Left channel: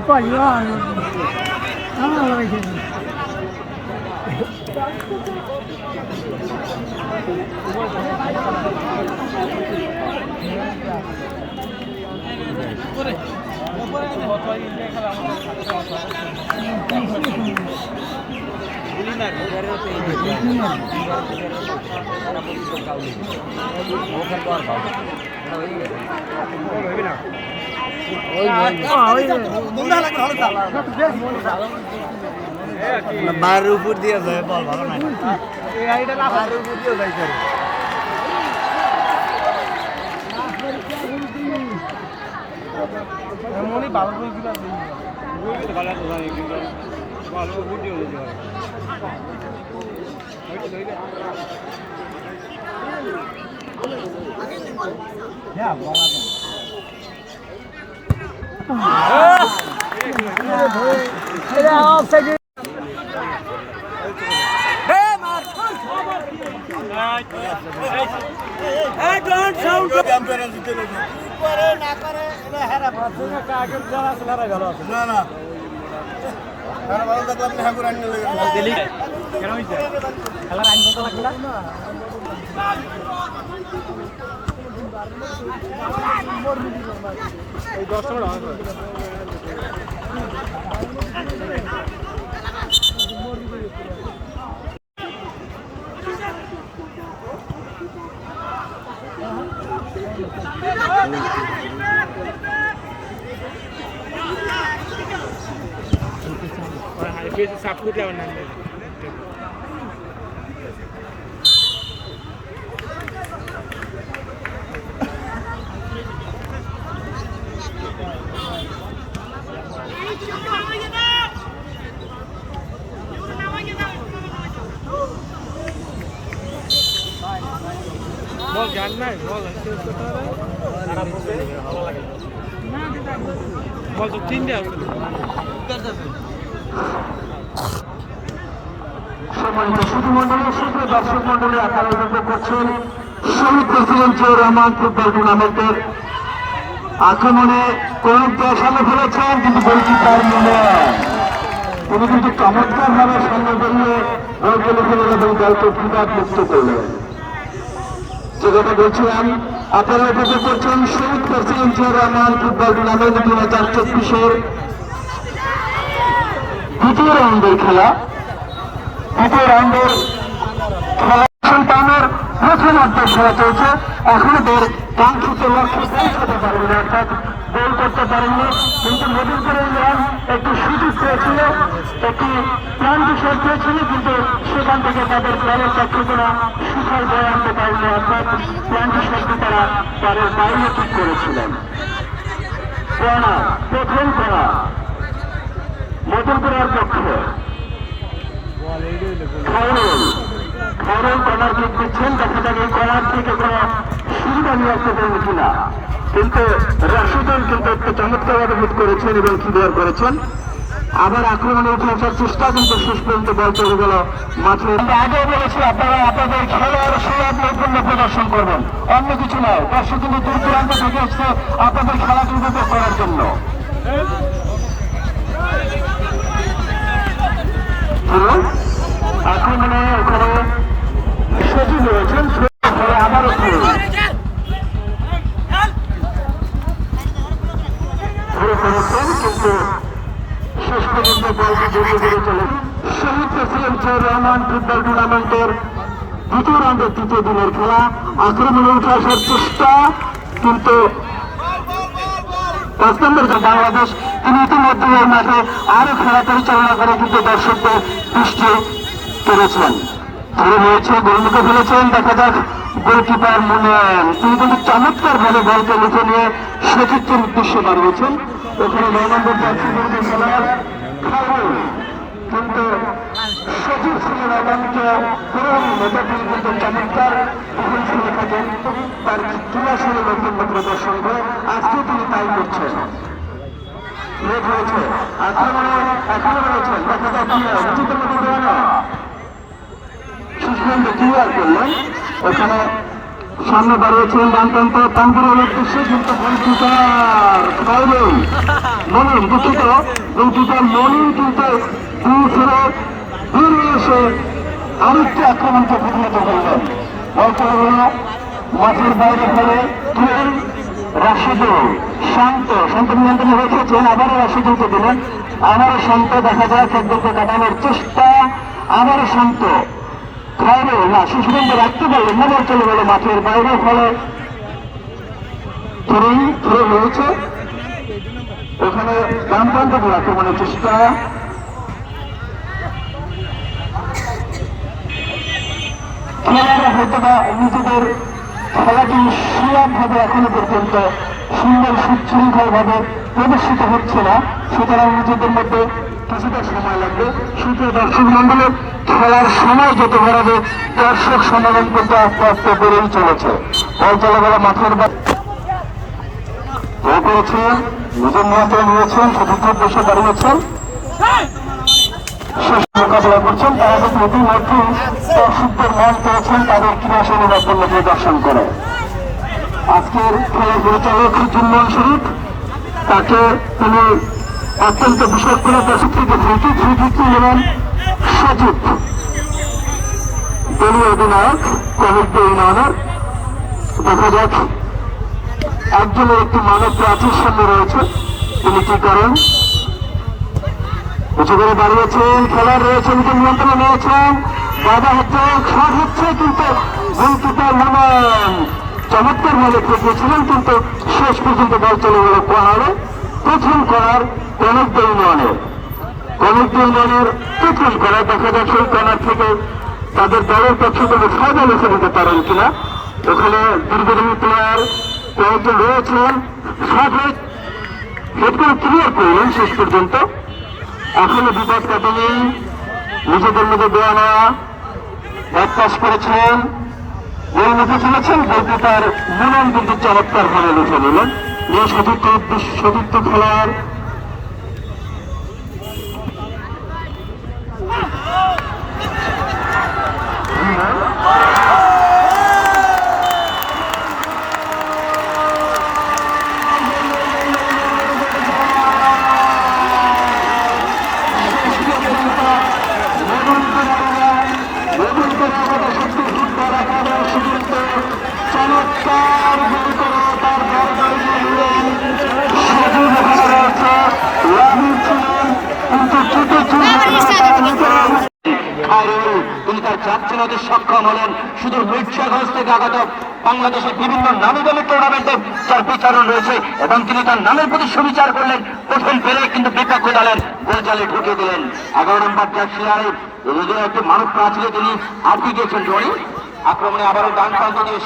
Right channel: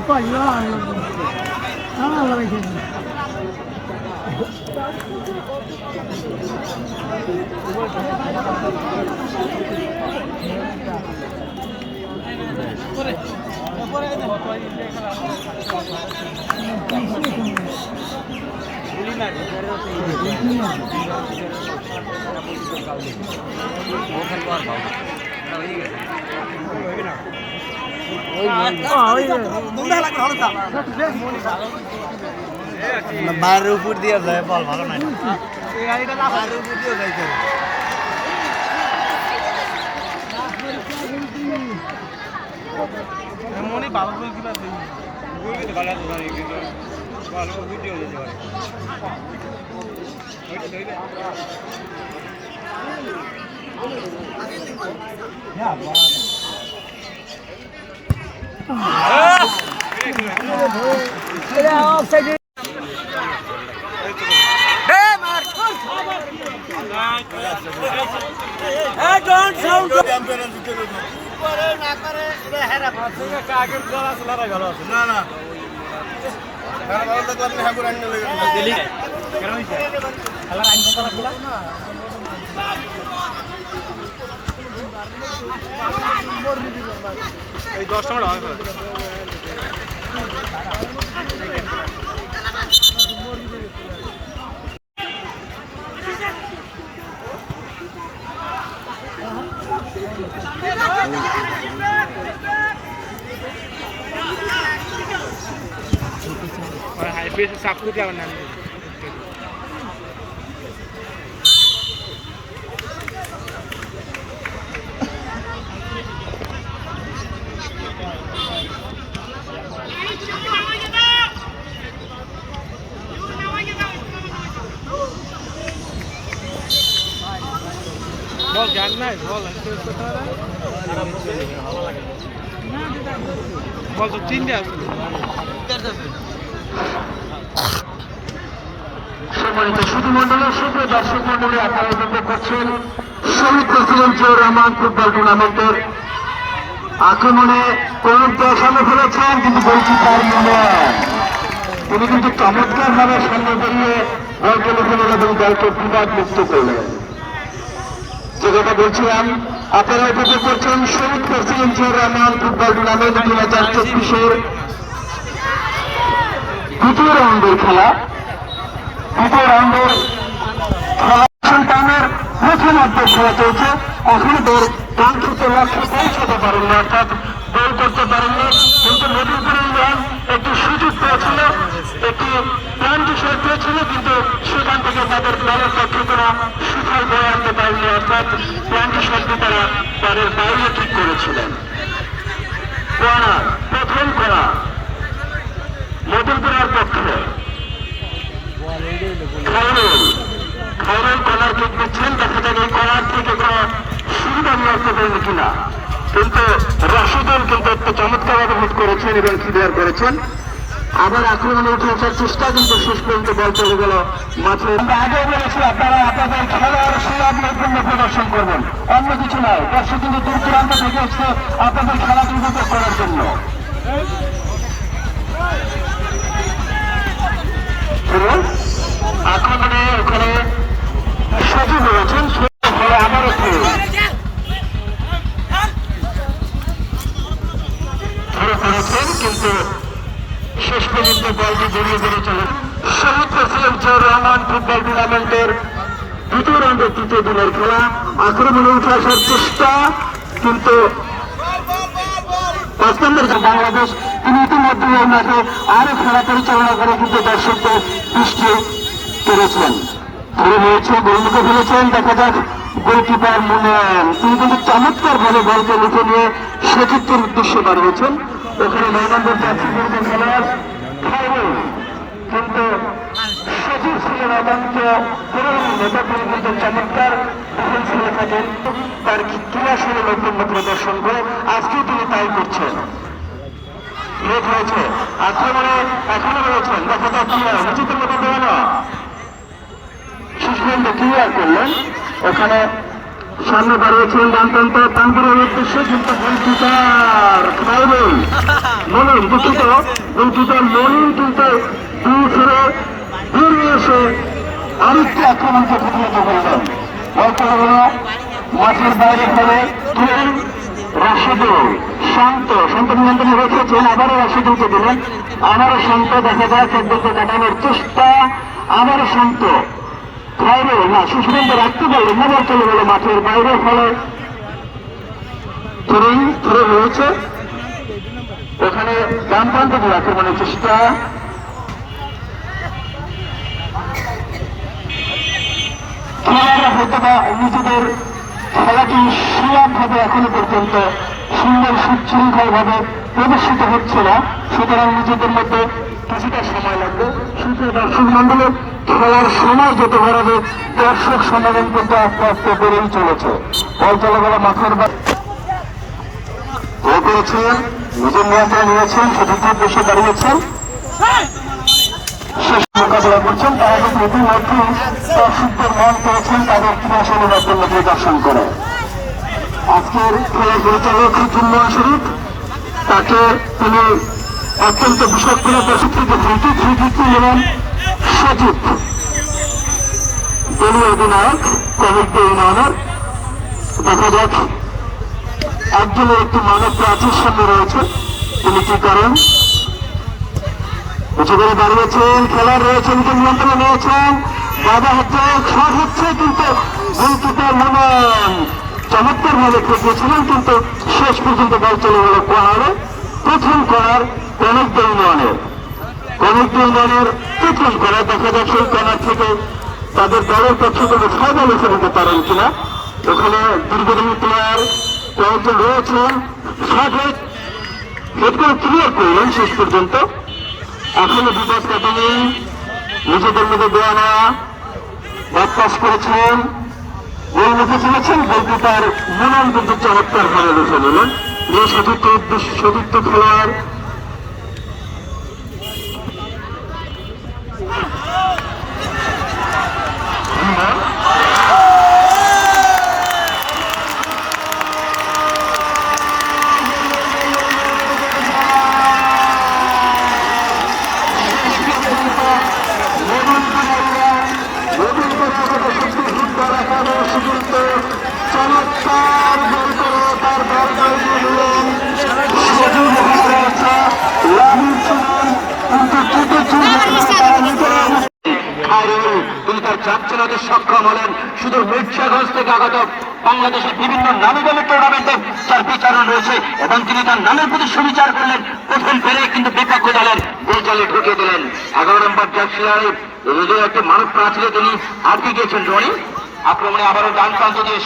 Qual ano? বাইরের উপর দিয়ে যায় বল ভালো না বাইরের উপর দিয়ে যায় করে মনে বাবা কি না দেই গোল ভালো তো ভাই ভালো ভিডিও হলো হ্যাঁ বড় অফসাইড হে মার ডোন্ট সাউন্ড চ্যাম্পিয়ন জিতে গেল করে না করে এটা হেরা পাচ্ছে আগে যারা আছে লড়াই ভালো আছে না না আর বড় তো আপনি হ্যাঁ করে আনলে গলি কেন হইছে খেলার আইন কত লাগলা এই 10 টাকা হবে और हाईवे से सब कुछ आवना है बहुत जानना है बहुत तो तीन दिया সম্মানিত সুধী মন্ডলী সুপ্রিয় দর্শক মন্ডলী আপনারা দেখতে পাচ্ছেন শহীদ প্রেসিডেন্ট জিয়াউর রহমান ফুটবল টুর্নামেন্টের আক্রমণে কয়েকটা সামনে ফেলেছেন কিন্তু বলছি তার মনে তিনি কিন্তু চমৎকার ভাবে সামনে বেরিয়ে দলকে লিখে নিল এবং দলকে বিবাদ মুক্ত করলেন যে কথা বলছিলাম আপনারা উপভোগ করছেন শহীদ president Ziaur Rahman football tournament 2024-এর দ্বিতীয় রাউন্ডের খেলা দ্বিতীয় রাউন্ডের সন্তানের প্রথমার্ধে খেলা চলছে এখনো তোর কাঙ্ক্ষিত লক্ষ্যে পৌঁছাতে পারেননি অর্থাৎ গোল করতে পারেননি কিন্তু নবীনপুরের ইউনিয়ন একটি সুযোগ পেয়েছিল একটি প্ল্যান্টি শট পেয়েছিল কিন্তু সেখান থেকে তাদের প্ল্যানের পক্ষে কোনো সুফল বয়ে আনতে পারেনি অর্থাৎ প্ল্যান্টি শটটি তারা তাদের বাইরে ঠিক করেছিলেন প্রথম খেলা নতুনপুরের পক্ষে খরণ কলার কিক নিচ্ছেন দেখা যাবে কলার থেকে কোনো সুবিধা নিয়ে আসতে পারেন কিনা কিন্তু রাশিদুল কিন্তু একটা চমৎকারভাবে হিট করেছেন এবং ক্লিয়ার করেছেন আবার আক্রমণে উঠে আসার চেষ্টা কিন্তু শেষ পর্যন্ত বল চলে গেল মাঠে আগেও বলেছি আপনারা আপনাদের খেলার সুযোগ নৈপুণ্য প্রদর্শন করবেন অন্য কিছু নয় দর্শক কিন্তু দূর দূরান্ত থেকে এসছে আপনাদের খেলাটি উপভোগ করার জন্য আক্রমণে ওখানে সচিব রয়েছেন আবারও ধরে পড়েছেন কিন্তু শেষ পর্যন্ত বলটি জড়িয়ে জড়িয়ে চলে শহীদ প্রেসিডেন্ট জিয়াউর রহমান ফুটবল টুর্নামেন্টের দ্বিতীয় রাউন্ডের তৃতীয় দিনের খেলা আক্রমণে উঠে আসার চেষ্টা কিন্তু বাংলাদেশ তিনি ইতিমধ্যে এই মাঠে আরো খেলা পরিচালনা করে কিন্তু দর্শকদের দৃষ্টি কেড়েছেন। ধরে রয়েছে গোলমুখে ফেলেছেন, দেখা যাক গোলকিপার মুনিয়ান তিনি কিন্তু চমৎকার ভাবে বলকে লিখে নিয়ে সেটির উদ্দেশ্যে দাঁড়িয়েছেন। ওখানে 9 নম্বর জার্সি খেলার কিন্তু সজীব ছিলেন এবং কিন্তু চমৎকার খেলে থাকেন তার ক্রীড়াশীল নৈপুণ্য প্রদর্শন করে আজকে তিনি তাই করছেন। হয়েছে এখনো রয়েছেন, দেখা যাক কি হয় নিজেদের মতো দেওয়া না শিশুগঞ্জ ক্লিয়ার করলেন। ওখানে সামনে দাঁড়িয়েছেন ডানপ্রান্ত তানপুরের উদ্দেশ্যে কিন্তু গোলকিপার খায়রুল মনির দুঃখিত গোলকিপার মনির কিন্তু দুই ফিরে বেরিয়ে এসে আরেকটি আক্রমণকে প্রতিহত করলেন। বলতে হলো মাঠের বাইরে ফেলে তুলেন রাশিদুল শান্ত নিয়ন্ত্রণে রেখেছেন, আবারও রাশিদুলকে দিলেন, আবারও শান্ত দেখা যায় খেলতে কাটানোর চেষ্টা, আবারও শান্ত খায়রুল না শিশুগঞ্জে রাখতে পারলো মনে চলে গেল মাঠের বাইরে, ফলে ধরে রয়েছে এখানে ডানপ্রান্ত দিয়ে আক্রমণের চেষ্টা, খেলাটা হয়তো বা নিজেদের খেলাটি সুলভভাবে এখনো পর্যন্ত সুন্দর সুশৃঙ্খল ভাবে প্রদর্শিত হচ্ছে না, সুতরাং নিজেদের মধ্যে কিছুটা সময় লাগবে। সুতরাং দর্শক মন্ডলে খেলার সময় যত বাড়াবে দর্শক সমাগম কিন্তু আস্তে আস্তে বেড়েই চলেছে। বল চলে গেল মাঠের করেছেন, নিজের নিয়ন্ত্রণ নিয়েছেন, সেটিতে বসে দাঁড়িয়েছেন, শেষ মোকাবিলা করছেন। তারা কিন্তু ইতিমধ্যে দর্শকদের মন পেয়েছেন তাদের ক্রীড়াশীল নৈপুণ্য প্রদর্শন করে। আজকের খেলার পরিচালক জুম্মান শরীফ তাকে তিনি অত্যন্ত বিশেষ করে প্রশিক্ষিত ফ্রিকিক নিলেন সজিব দলীয় অধিনায়ক কমিক ইউনিয়নের। দেখা যাক একজনের একটি মানব প্রাচীর সামনে রয়েছে, তিনি কি করেন। উঁচু করে দাঁড়িয়েছেন, খেলার রয়েছে, নিজের নিয়ন্ত্রণে নিয়েছেন, বাধা হচ্ছে, শট হচ্ছে, কিন্তু গোলকিপার মুনিয়ান চমৎকার ভাবে খেলেছিলেন, কিন্তু শেষ পর্যন্ত বল চলে গেল কর্নারে। প্রথম কর্নার কমিক ইউনিয়নের প্রথম কর্নার। দেখা যাক সেই কর্নার থেকে তাদের দলের পক্ষে কোনো ফায়দা লিখে দিতে পারেন কিনা। ওখানে দীর্ঘদিন প্লেয়ার কয়েকজন রয়েছেন, হেড করে ক্লিয়ার করলেন শেষ পর্যন্ত। এখনো বিপদ কাটেনি, নিজেদের মধ্যে দেওয়া নেওয়া এক পাস করেছেন, গোল মুখে চলেছেন, গোলকিপার মুনিয়ান কিন্তু চমৎকার ভাবে লিখে নিলেন যে সতীর্থ খেলার তিনি তার যাচ্ছেন সক্ষম হলেন। শুধু মির্জাগঞ্জ থেকে আগত বাংলাদেশের বিভিন্ন নামী দামি টুর্নামেন্টে যার বিচারণ রয়েছে এবং তিনি তার নামের প্রতি সুবিচার করলেন। প্রথম পেরে কিন্তু বিপক্ষ দলের গোলজালে ঢুকে দিলেন। 11 নম্বর জার্সি একটি মানব প্রাচীরে তিনি আটকে গিয়েছেন রনি। আক্রমণে আবারও ডান প্রান্ত দিয়ে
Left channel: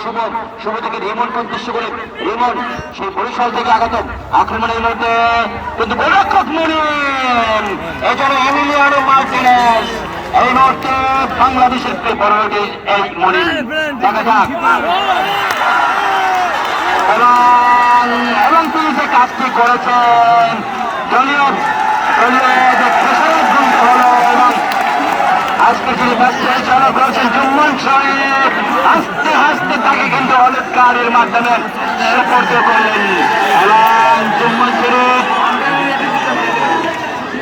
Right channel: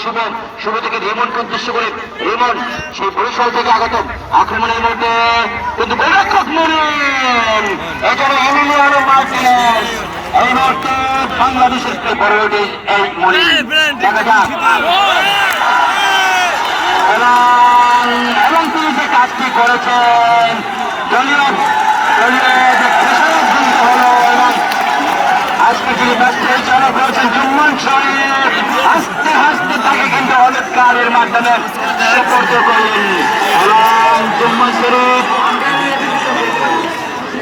শুভ থেকে রেমনকে উদ্দেশ্য করে রেমন সেই বরিশাল থেকে আগত আক্রমণের মধ্যে কিন্তু গোলরক্ষক মুনিয়ান এখানে এমিলিয়ানো মার্টিনেজ এই মুহূর্তে বাংলাদেশের প্রায়োরিটি এই মুনিয়ান দেখা যাক এবং তিনি যে কাজটি করেছেন দলীয় হলো এবং আজকে তিনি ম্যাচ পরিচালনা করেছেন জুম্মান শরীফ। আস্তে আস্তে তাকে কিন্তু হলুদ কার্ডের মাধ্যমে সুপর্দ করলেন এবং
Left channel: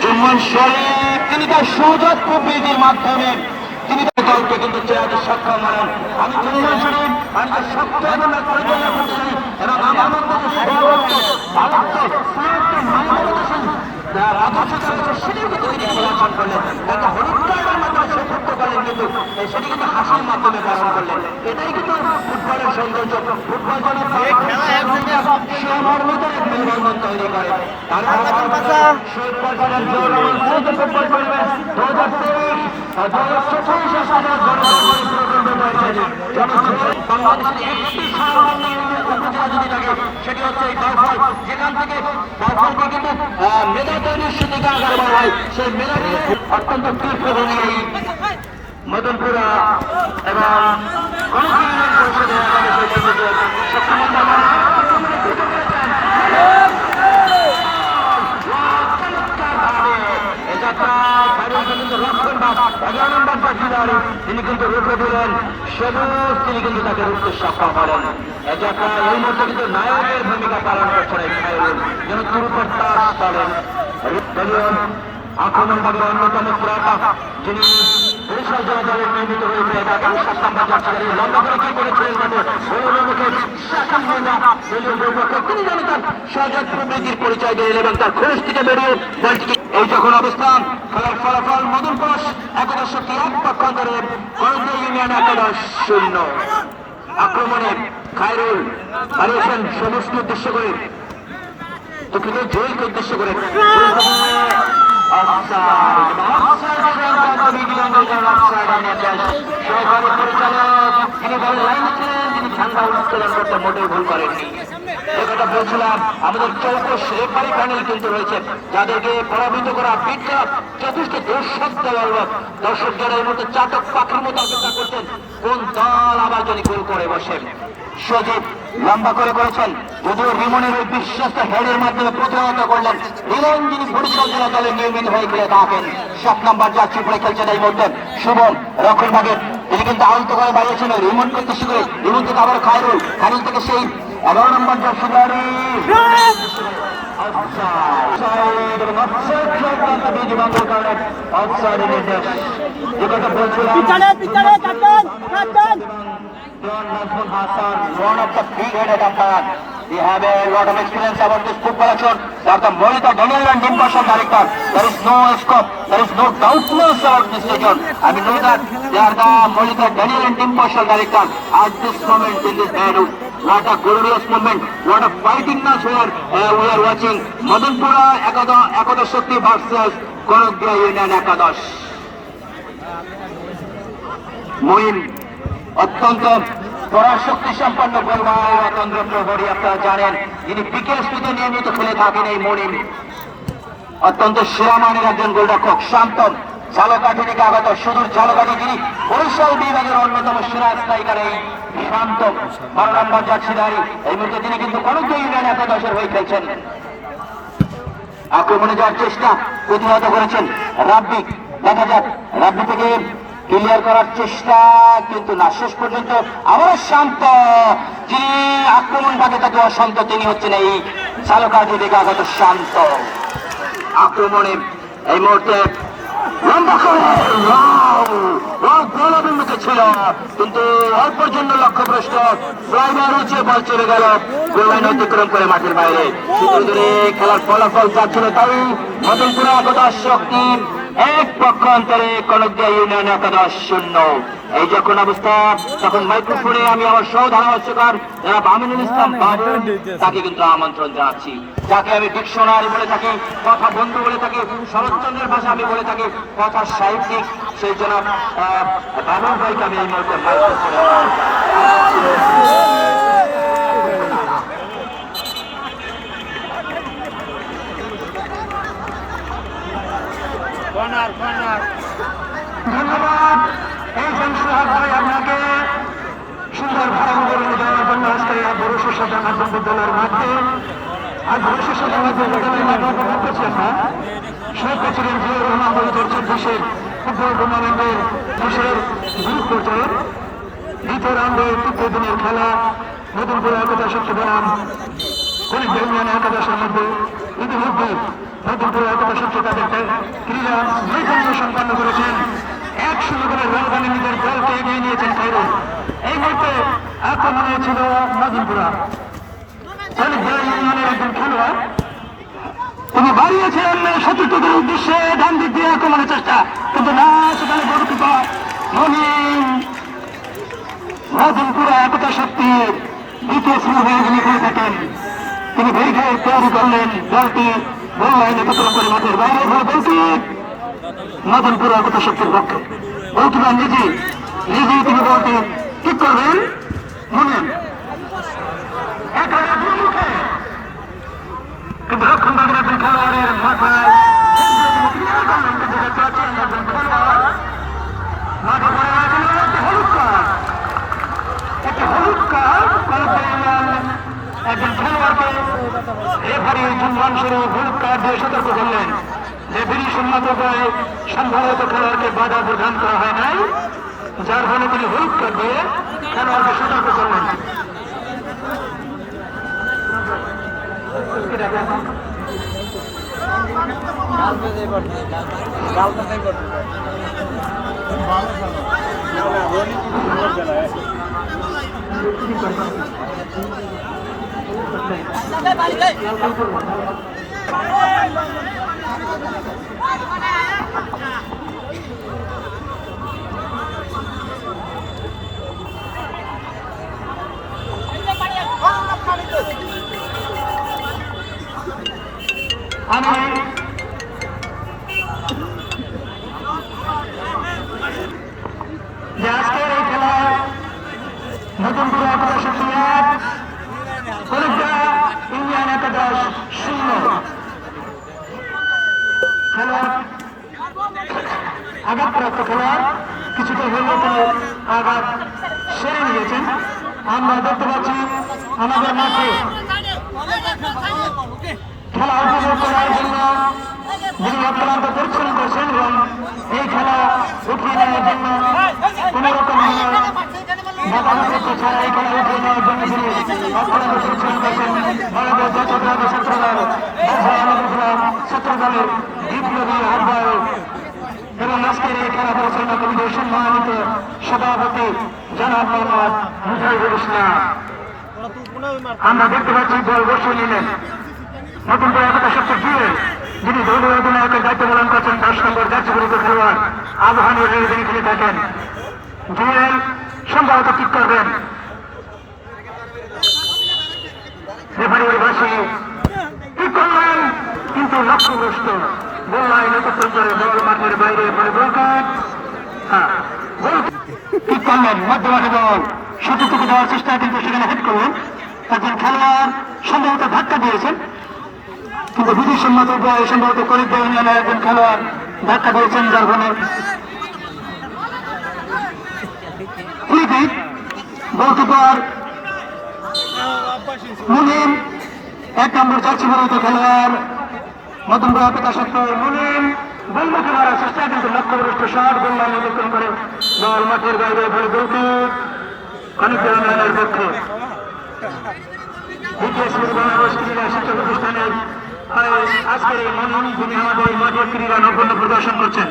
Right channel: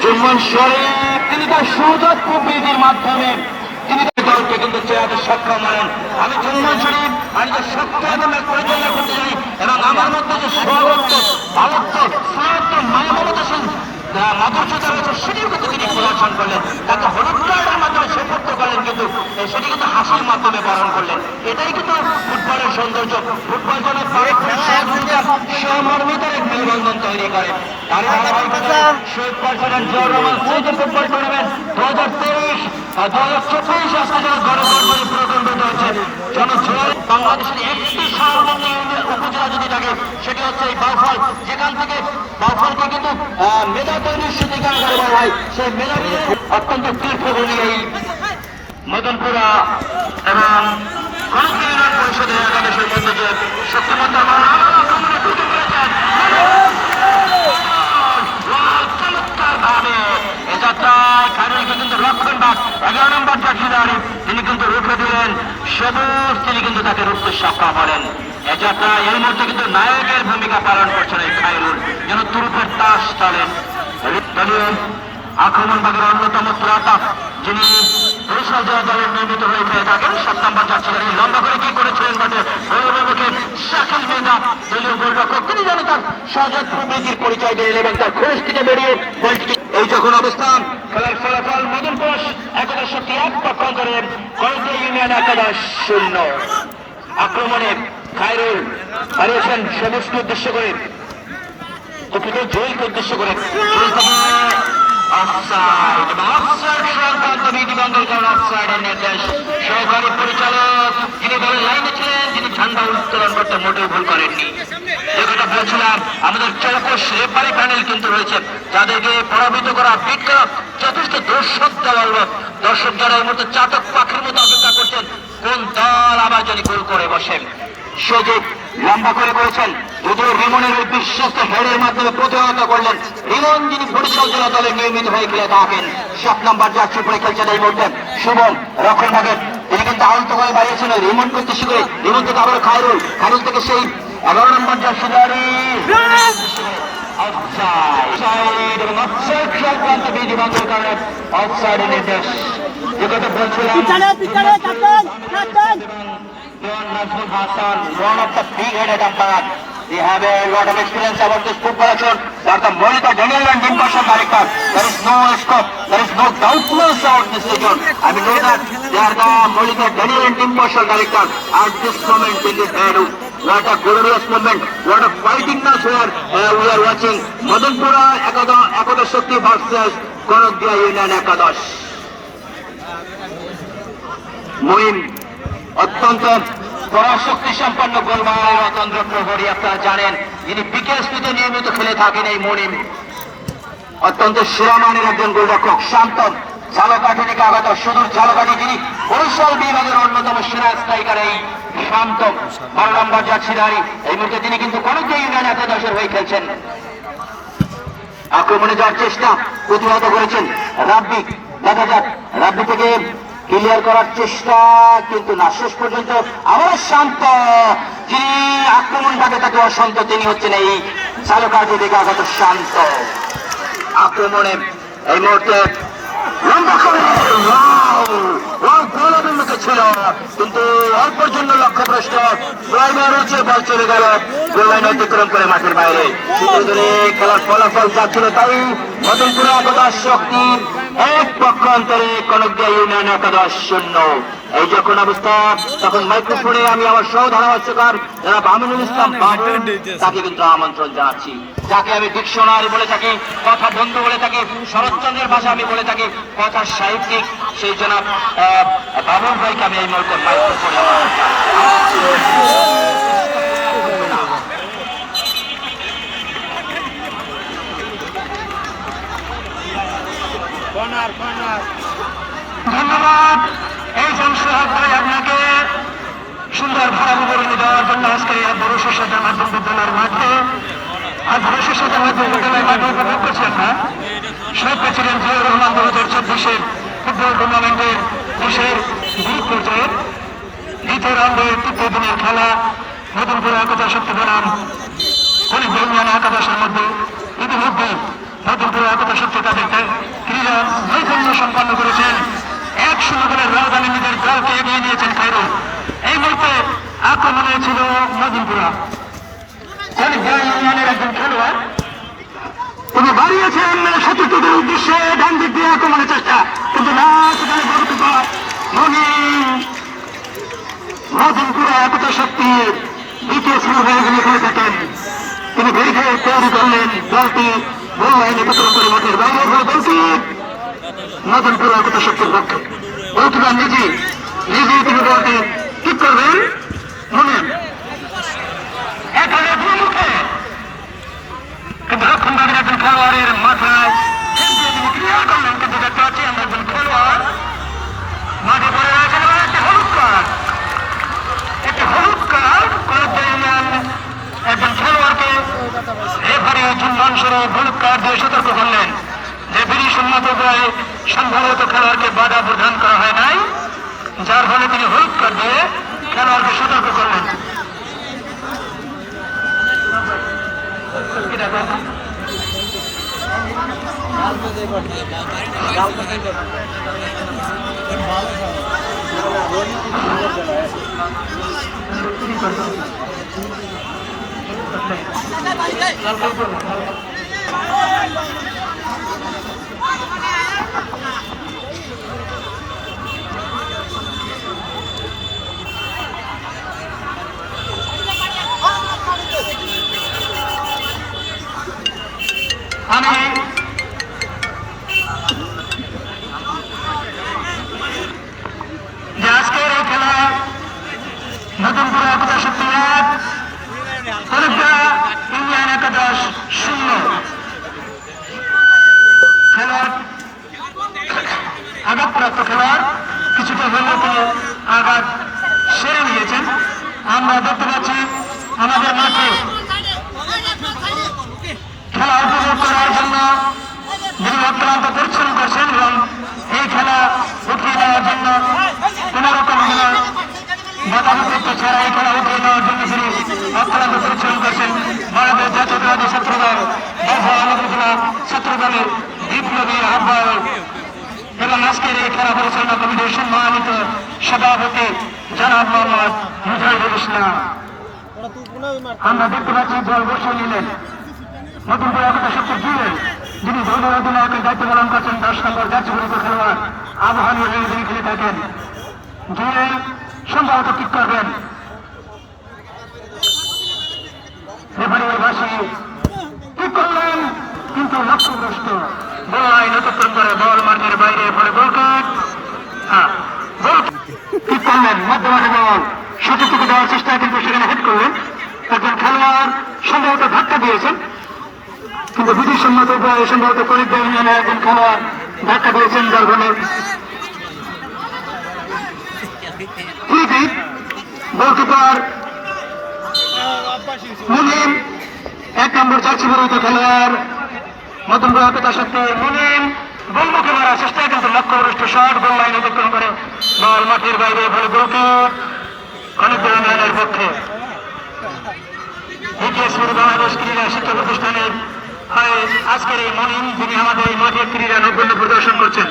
জুম্মান শরীফ তিনি তার সুযোগ প্রবৃত্তির মাধ্যমে তিনি তার দলকে কিন্তু চেয়ারে সক্ষম হলেন। আমি জুম্মান শরীফ আমি যে সক্ষম ম্যাচ পরিচালনা করতে চাই এবং আমার মধ্যে যে সর্বোচ্চ ভারত্ব সাহিত্য মানবতা মদর্যতা রয়েছে সেটিও কিন্তু তিনি প্রদর্শন করলেন। তাকে হলুদ কার্ডের মাধ্যমে সে মুক্ত করলেন, কিন্তু সেটি কিন্তু হাসির মাধ্যমে পালন করলেন। এটাই কিন্তু ফুটবলের সৌন্দর্য। ফুটবল যেন সহমর্মিতার এক মেলবন্ধন তৈরি করে। শহীদ president Ziaur Rahman football tournament 2023-2024 বাংলাদেশের একটি উপজেলা যদি থাকে সেটি হচ্ছে এই বাউফল, যেখান থেকে বাউফলকে কিন্তু মেধা তৈরির সুবিধা করা হয়। সেই মেধা অত্যন্ত তীর্থভূমি এই মদনপুরা এবং পরিষদের একাদশের মধ্যে যে শক্তিমন্ত তিনি কিন্তু রুখে দিলেন সবুজ, তিনি কিন্তু তাকে রুখতে সক্ষম হলেন। এ যাত্রা এই মুহূর্তে কিন্তু নায়কের ভূমিকা পালন করছেন এই খায়রুল, যেন তুরুপের তাস চলেন। আক্রমণভাগের অন্যতম প্রাপক যিনি বরিশাল জেলা দলের নির্মিত হয়েছে থাকেন 7 নম্বর জার্সি লম্বা করে কি করেছিলেন তিনি যেন তার সহজাত প্রবৃত্তির পরিচয় দিলেন এবং তার খোঁজ থেকে বেরিয়ে এই যখন অবস্থান খেলার ফলাফল মদনপুর একাদশ শক্তি 1 পক্ষান্তরে করঞ্জিয়া ইউনিয়ন 11-0। আক্রমণে খায়রুল দাঁড়িয়েছেন সবুজকে উদ্দেশ্য করে, জয়কে উদ্দেশ্য করে সহকারী পরিচালক যিনি দলের লাইনে ছিলেন, যিনি ঝান্ডা উত্তোলন করতে মোটেও ভুল করেননি। যে কথা বলছিলাম, আমাদের চৌকস রেফারি প্যানেল কিন্তু রয়েছে, যাদেরকে পরাভূত করা, বিট করা যথেষ্ট দর্শক দল। দর্শক যারা এই মুহূর্তে চাতক পাখির মতো অপেক্ষা করছেন কোন দল আবার যদি গোল করে বসে। সজীব লম্বা করে করেছেন, যদিও রিমনের ওই বিশ্বস্ত হেডের মাধ্যমে প্রতিহত করলেন। রিমন যিনি বরিশাল জেলা দলে নিয়মিত হয়ে খেলে থাকেন, 7 নম্বর জার্সি পরে খেলছেন এই মুহূর্তে সুবল রক্ষণ ভাগের, তিনি কিন্তু আহত করে বাড়িয়েছেন রিমন করতে শিখে। রিমন থেকে আবার খায়রুল, খায়রুল থেকে সেই 11 নম্বর jersey one of the big-headed umpire. They have a lot of experience about this football action. They are the monitor, Daniel and impartial director. There is no scope, there is no doubtless of this region. I mean, know that they are the monitor, Daniel and impartial director. At this moment in this battle, what a glorious moment, what a fightingness here we are watching. Madanpura Ekadash Shakti versus Korogdia Union Ekadash. Moim অত্যন্ত পরাশক্তি সম্পন্ন গোলমাল রতন্দ্র প্রহরী, আপনারা জানেন, যিনি বিকেএসপিতে নিয়মিত খেলে থাকেন। এই মনিম অত্যন্ত সুরামানের একজন গোলরক্ষক, শান্ত ঝালকাঠি থেকে আগত, সুদূর ঝালকাঠি, যিনি বরিশাল বিভাগের অন্যতম সেরা স্ট্রাইকার এই শান্ত 12 নম্বর জার্সিধারী। এই মুহূর্তে তিনি কিন্তু করঞ্জিয়া ইউনিয়ন একাদশের হয়ে খেলছেন। আক্রমণে যাওয়ার চেষ্টা প্রতিহত করেছেন রাব্বি। দেখা যাক, রাব্বি থেকে ক্লিয়ার করার চেষ্টা, কিন্তু না, শেষ পর্যন্ত আবার শান্ত, যিনি আক্রমণ ভাগে তাকে অশান্ত, তিনি হচ্ছেন এই ঝালকাঠি থেকে আগত শান্ত। আক্রমণে এই মুহূর্তে লম্বা করে গোলবিন্দুকে ছিল, কিন্তু অল্পের জন্য লক্ষ্যভ্রষ্ট, ড্রাইভার উঁচে বল চলে গেল গোল লাইন অতিক্রম করে মাঠের বাইরে। ধরে খেলার ফলাফল যাচ্ছিল তাই মদনপুরা একাদশ শক্তি 1 পক্ষান্তরে করঞ্জিয়া ইউনিয়ন 11-0। এই যখন অবস্থা, তখন মাইক্রোফোনে আমি আমার সহ ধারাভাষ্যকার যারা আমিনুল ইসলাম বাবু, তাকে কিন্তু আমন্ত্রণ জানাচ্ছি, যাকে আমি ডিকশনারি বলে থাকি, কথা বন্ধু বলে থাকি, শরৎচন্দ্রের ভাষা আমি বলে থাকি, কথা সাহিত্যিক, সেই জন্য বাবুর ভাইকে আমি এই মুহূর্তে ধন্যবাদ। এই সংসদায় আপনাকে সুন্দর ভাড়াবলী দেওয়ার জন্য আজকে বরিশাল জামাত দলের মাঠে আজ বরিশাল জামাত দলের করছেন না শহীদ প্রেসিডেন্ট জিয়াউর রহমান 2024 ফুটবল টুর্নামেন্টের দেশের পর্যায়ের দ্বিতীয় রাউন্ডের 3য় দিনের খেলা মদনপুরা একাদশ শক্তি বনাম করঞ্জিয়া ইউনিয়ন একাদশের মধ্যে ইতিমধ্যে মদনপুরা একাদশ শক্তি তাদের ক্রীড়া নৈপুণ্য সম্পন্ন করেছেন। 1-0 করে রাজধানী নিজের দলকে এগিয়ে নিয়েছেন খায়রুল। এই মুহূর্তে আক্রমণে ছিল মদনপুরা করঞ্জিয়া ইউনিয়নের একজন খেলোয়াড় তিনি বাড়িয়েছেন শত্রুদের উদ্দেশ্যে ডান দিক দিয়ে আক্রমণের চেষ্টা, কিন্তু না, সেখানে গোলকিপার মদনপুরা একতা শক্তির দ্বিতীয় শ্রেণী হয়ে যিনি খেলে থাকেন, তিনি ব্যারিকেড তৈরি করলেন, দলটি গোল লাইনে প্রতিরোধ করে মাঠের বাইরে হয়ে বলটি মদনপুরা একতা শক্তির পক্ষে। গোলকিপার নিজেই তিনি বলটি ঠিক করবেন। মনে কিন্তু লক্ষণ বাগের একজন খেলোয়াড়ের মাথায় ক্রিয়া করলেন, কিন্তু দেখতে পাচ্ছি আমরা একজন খেলোয়াড় মাঠে পড়ে আছেন। একটা হলুদ কার্ড একজন খেলোয়াড়কে রেফারি চুম্বন স্বরূপ হলুদ কার্ড দিয়ে সতর্ক করলেন যে বিধিসম্মত উপায়ে সম্ভবত খেলোয়াড়কে বাধা প্রদান করা হয় নাই, যার ফলে তিনি হলুদ কার্ড দিয়ে খেলোয়াড়কে সতর্ক করলেন। আমি যে আজকের এই খেলা নতুনপুর একতা শক্তি 1, হলুদা ইন্ডিয়ান একাদশ 0। খেলোয়াড় আঘাতপ্রাপ্ত খেলোয়াড় কিছুটা হলেও তিনি আঘাত সেরে নিয়েছেন। আমরা দেখতে পাচ্ছি আমাদের মাঠে খেলা উপভোগ করার জন্য যিনি অত্যন্ত পরিশ্রম করছেন এবং এই খেলা উঠিয়ে নেওয়ার জন্য কোন রকম বাধাপ্রাপ্ত ছাড়া এই খেলা উঠিয়ে নেওয়ার জন্য তিনি অত্যন্ত পরিশ্রম করছেন। ভারতের জাতীয়তাবাদী ছাত্রদল ছাত্রদলের বিপ্লবী আহ্বায়ক এবং আজকের এই খেলা পরিচালনা কমিটির সম্মানিত সভাপতি জনাব মোহাম্মদ মুজাহিদুল ইসলাম। আমরা দেখতে পাচ্ছি দল বসে নিলেন নতুন করে একতা শক্তি জুড়ে যিনি দলীয় অধিনায়কের দায়িত্ব পালন করছেন 10 নম্বর জাতীয় বিরুদ্ধে খেলোয়াড় আবহানের হয়ে তিনি খেলে থাকেন। জুয়েল সম্ভবত ঠিক করবেন, রেফারির পাশে ঠিক করলেন, কিন্তু লক্ষ্যগ্রস্ত বল লাইন অতিক্রম করে বল মাঠের বাইরে পরে গোল ঠিক করলেন। মধ্যমাঠে বল সঠিক দেওয়ার চেষ্টা, কিন্তু সেখানে হিট করলেন। একজন খেলোয়াড় সম্ভবত ধাক্কা দিয়েছেন, কিন্তু বিধিসম্মত উপায়ে সম্ভবত করিত নামে একজন খেলোয়াড় ধাক্কা দিয়েছেন, যার ফলে গোলকিপার মুনিম 1 নম্বর জার্সি পরিহিত খেলোয়াড় নতুন একতা শক্তি মুনিম গোলমুখে মারার চেষ্টা, কিন্তু লক্ষ্যভ্রষ্ট শট গোল লাইন অতিক্রম করে বল মাঠের বাইরে ফলে গোলকি অনেক ইউনিয়নের পক্ষে। বাংলাদেশ ক্রীড়া শিক্ষা প্রতিষ্ঠানের আজকের এই মুনিম যিনি আমাদের এই মাঠের ক্রীড়া নৈপুণ্য প্রদর্শন করছেন।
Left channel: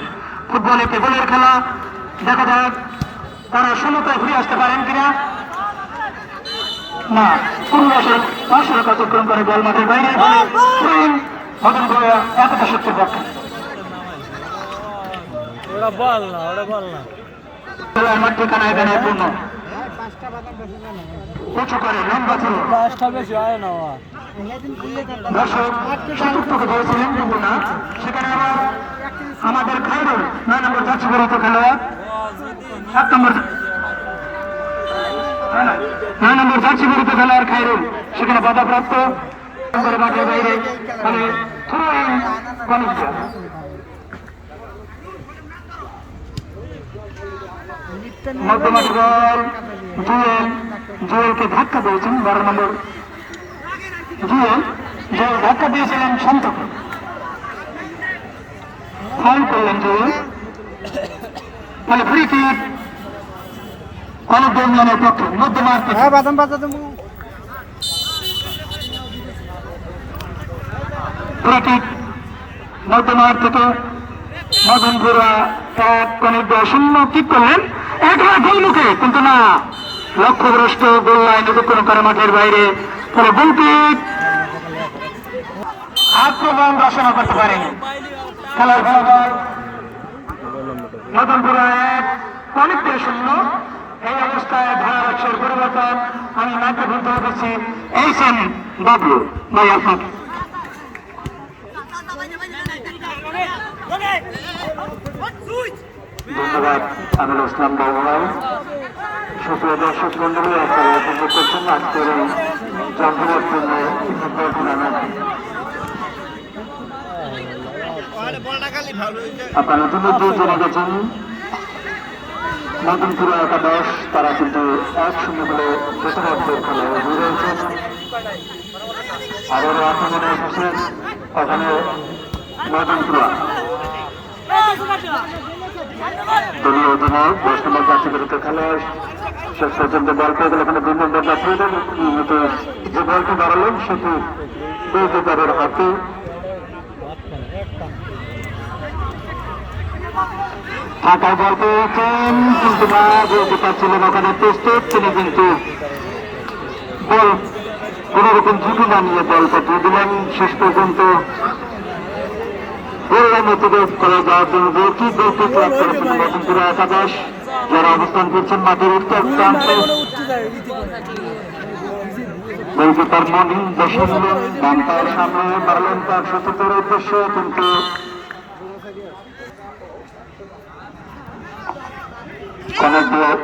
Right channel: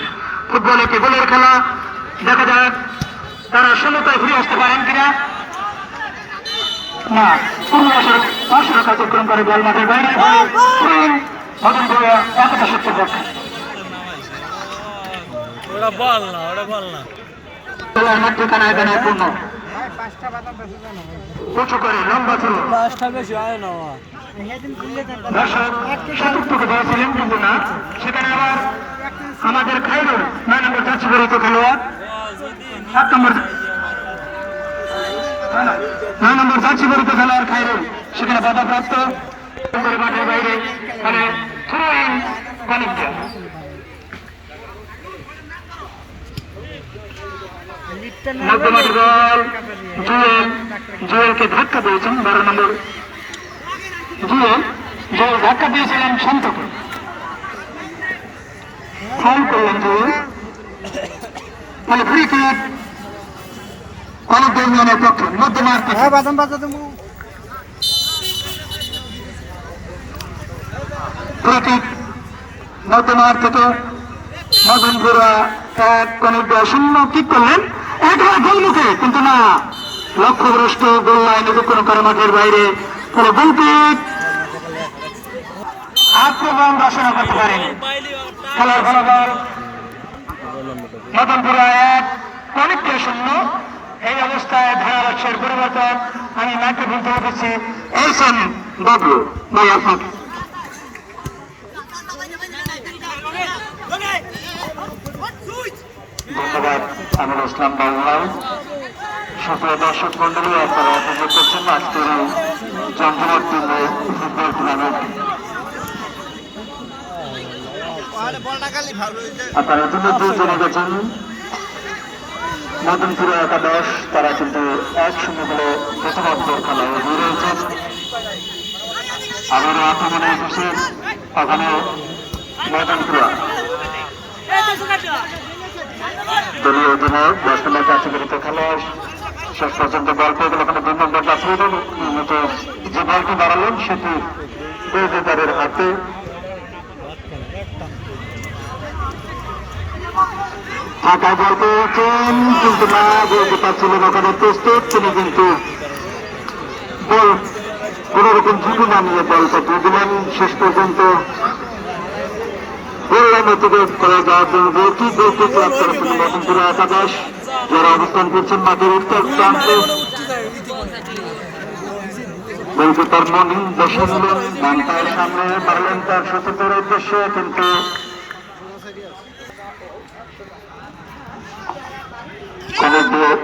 ফুটবল একটি গোলের খেলা, দেখা যাক তারা সমতায় ঘুরে আসতে পারেন কিনা। না, অতিক্রম করে বল মাঠের বাইরে একতা শক্তির পক্ষে। ওটা বল না, ওটা বল না। আমার ঠিকানা এখানে পূর্ণ উঁচু করে লম্বা ছিল। পাঁচটা বেশি হয় না। সেখানে আবার আমাদের খাইরুল 9 নম্বর জার্সি পরিহিত খেলোয়াড় 7 নম্বর 9 নম্বর জার্সি পরিহিত খেলোয়াড় খাইরুল সেখানে বাধাপ্রাপ্ত মাঠের বাইরে মানে থ্রোইং বাণিজ্য। মধ্যমাঠে বল জুয়েলকে ধাক্কা দিয়েছেন 12 নম্বর জুয়েল ধাক্কা দিয়েছিলেন শান্তকে, ফাউল করলেন জুয়েল। তাহলে ফ্রি কিক অনেক ইউনিয়নের পক্ষে মধ্যমাঠ ফ্রি কিক মধ্যমাঠ থেকে মদনপুরা 1-0 কিক করলেন একবার গোলমুখে, কিন্তু না, লক্ষ্যভ্রষ্ট গোল লাইন অতিক্রম করে মাঠের বাইরে। ফলে গোল কিক আক্রমণ রচনা করতে পারেনি। খেলার ফলাফল মদনপুরা 1 পয়েন্টে 0। এই অবস্থায় ধারার পরিবর্তন আমি মাইক্রোফোন তুলে দিচ্ছি এইসন বাবলু মালাফাক। ধন্যবাদ আমির ইসলাম বাবুরাও। সুপ্রিয় দর্শক মন্ডলী, আপনারা উপভোগ করছেন আজকের জমজমাট ফুটবল টুর্নামেন্ট। আপনারা ইতিমধ্যে জেনে গেছেন মদনপুরা একাদশ তারা কিন্তু 1-0 বলে প্রথমার্ধ খেলা এগিয়ে রয়েছে। আবারও আক্রমণে এসেছেন ওখানে মদনপুরা দলীয় অধিনায়ক 10 নম্বর জাতীয়গত খেলা শেষ পর্যন্ত বল পেয়ে গেল। ওখানে 2 নম্বর জাতীয় যে বলটি বাড়ালেন সেটি গোলকিপারের হাতে। ফাঁকা বল পেয়েছেন কিন্তু না, গোলকিপার ছিলেন ওখানে প্রস্তুত। তিনি কিন্তু বল কোন রকম ঝুঁকি না নিয়ে বলটা দিয়ে দিলেন। শেষ পর্যন্ত করা যাওয়ার জন্য কি গোলকে ক্লাব করেছেন মদনপুরা একাদশ, যারা অবস্থান করছেন মাঠের উত্তর প্রান্তে। গোলকিপার মনিন বসে নিলেন, ডান পায়ের সামনে বাড়লেন তার সতীর্থের উদ্দেশ্যে, কিন্তু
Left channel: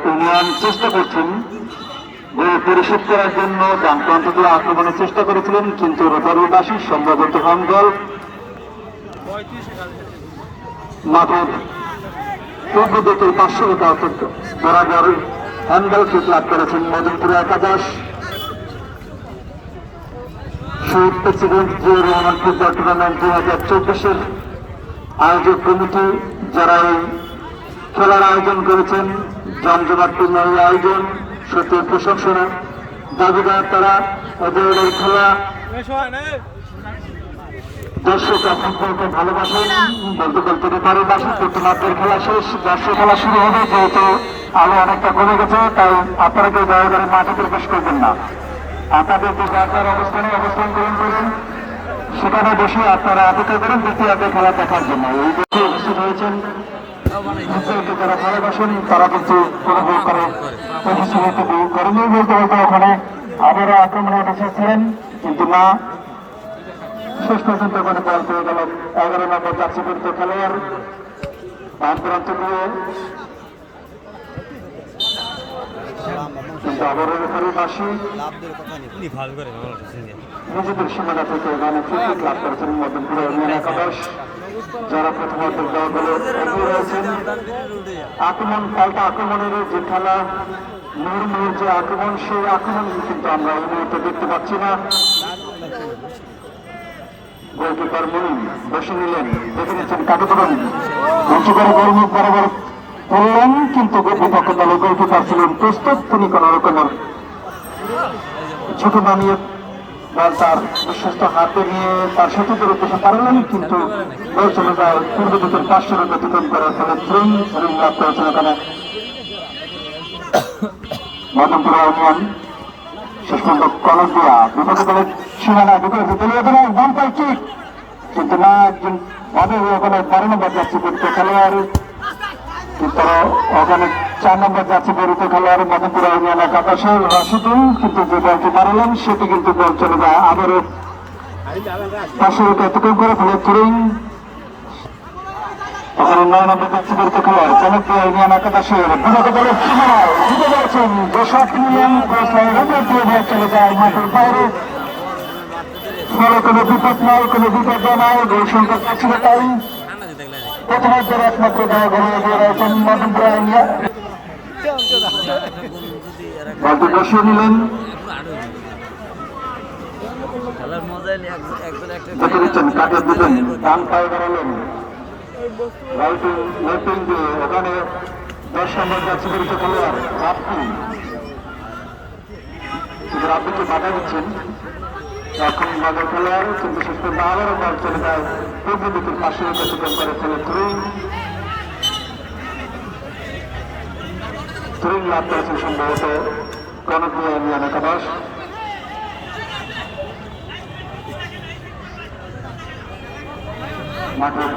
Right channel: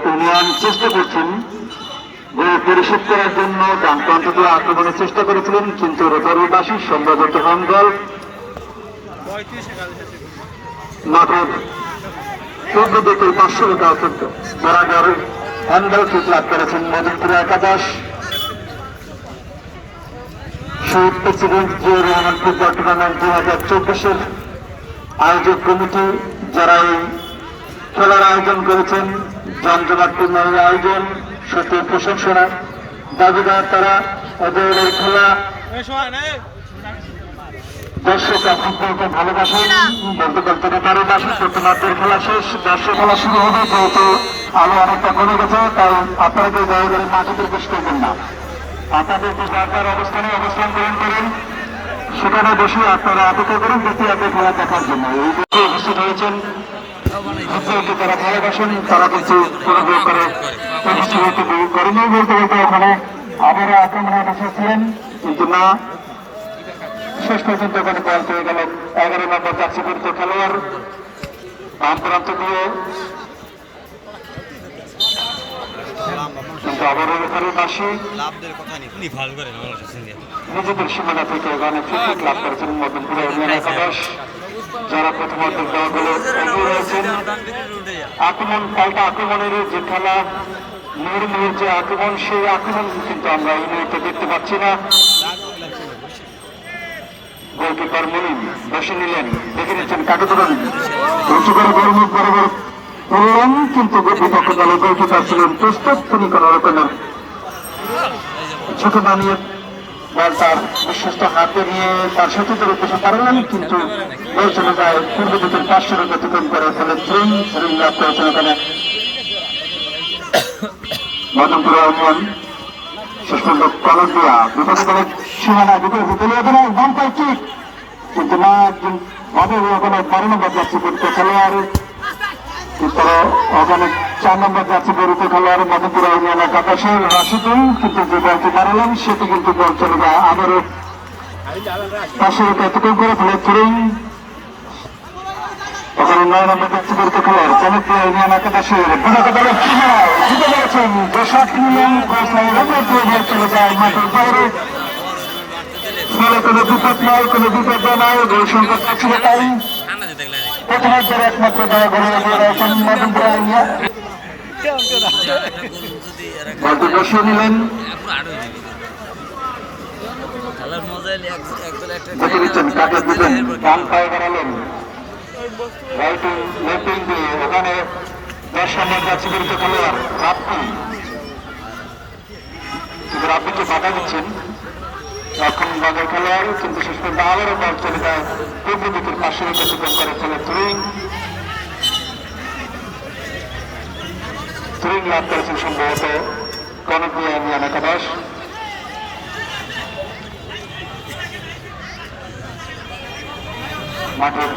ইউনিয়ন চেষ্টা করছেন গোল পরিশোধ করার জন্য। ডান প্রান্ত দিয়ে আক্রমণের চেষ্টা করেছিলেন কিন্তু রোটারিবাসী সম্ভবত হন দল মাঠের পূর্ব দিকে 500 মিটার বরাবর হ্যান্ডবল কিক লাভ করেছেন মদনপুরা একাদশ। শহীদ president Ziaur Rahman football tournament 2024-এর আয়োজক কমিটি যারা এই খেলার আয়োজন করেছেন, জমজমাটপূর্ণ এই আয়োজন সত্যি প্রশংসনা দাবিদার। তারা ওদের খেলা দর্শক ফুটবলকে ভালোবাসেন, বলতে বলতে রোটারিবাসী প্রথমার্ধের খেলা শেষ, দর্শক খেলা শুরু হবে। যেহেতু আলো অনেকটা কমে গেছে তাই আপনারা কেউ দয়া করে মাঠে প্রবেশ করবেন না। আপনাদেরকে যার অবস্থানে অবস্থান গ্রহণ করেন সেখানে বসে আপনারা অপেক্ষা করেন দ্বিতীয়ার্ধে খেলা দেখার জন্য। এই বছর উপস্থিত হয়েছেন ফুটবলকে যারা ভালোবাসেন তারা কিন্তু উপভোগ করে উপস্থিত হতে করেনি বলতে বলতে ওখানে আবারও আক্রমণে বসেছিলেন কিন্তু না, শেষ পর্যন্ত ওখানে পয়েন্ট হয়ে গেল 11 নম্বর জার্সি পরিচিত খেলোয়াড় বাম প্রান্ত দিয়ে। কিন্তু আবারও রোটারিবাসী নিজেদের সীমানা থেকে ওখানে ফ্রি লাভ করেছেন মদনপুরা ইউনিয়ন একাদশ, যারা প্রথমার্ধের দল বলে এগিয়ে রয়েছেন। আক্রমণ পাল্টা আক্রমণের যে খেলা, নির্মূল যে আক্রমণ, সেই আক্রমণ কিন্তু আমরা এই মুহূর্তে দেখতে পাচ্ছি না। গোলকিপার মনিন বসে নিলেন, দেখে নিচ্ছেন কাকে তুলেন উঁচু করে গোলমুখ বরাবর করলেন কিন্তু বিপক্ষ দলের গোলকিপার ছিলেন প্রস্তুত। তিনি কোন রকমের ঝুঁকি না নিয়ে বল তার বিশ্বস্ত হাতে নিয়ে তার সতীর্থের উদ্দেশ্যে পারলেন কিন্তু বল চলে যায় পূর্ব দিকের 500 অতিক্রম করে ফেলে থ্রিং লাভ করেছেন ওখানে মদনপুরা ইউনিয়ন। শেষ পর্যন্ত কলস দিয়া বিপক্ষ দলের সীমানা দুটো ডান পায় ঠিক কিন্তু না, একজন ভাবে ওখানে 12 নম্বর যাচ্ছে পরিচিত খেলোয়াড়, তারা ওখানে 4 নম্বর যাচ্ছে পরিচিত খেলোয়াড় মদনপুরা ইউনিয়ন একাদশের রাশিদুল, কিন্তু যে বলটি মারলেন সেটি কিন্তু বল চলে যায় আবারও 500 অতিক্রম করে ফেলে থ্রিং। ওখানে 9 নম্বর যাচ্ছে পরিচিত খেলোয়াড় জনপ্রিয় ইউনিয়ন একাদশের বিপক্ষ দলের সীমানায় জিতে গেছেন দর্শক নিলেন, চলে যায় মাঠের বাইরে। কোনো বিপদ নয়, কোনো বিপদ নয়, গোল সংখ্যা পাচ্ছে না, তাই প্রথমার্ধের একমাত্র দল ঘরে এগিয়ে রয়েছেন মদনপুরা ইউনিয়ন। বলটি বসিয়ে নিলেন, দেখে দিচ্ছেন কাকে দিলেন, ডান পায়ে বেড়ালেন লাইটিং দিয়ে ওখানে 10 রানের কাছে পরিচিত খেলোয়াড় আপনি কিন্তু আপনিকে বাধা দিচ্ছেন এখন বাজার খেলোয়াড়, কিন্তু শেষ পর্যন্ত আবারও বল চলে যায় পূর্ব দিকের 500 অতিক্রম করে ফেলে থ্রিং লাভ করেছেন সম্ভবত মদনপুরা ইউনিয়ন একাদশ। মাঠের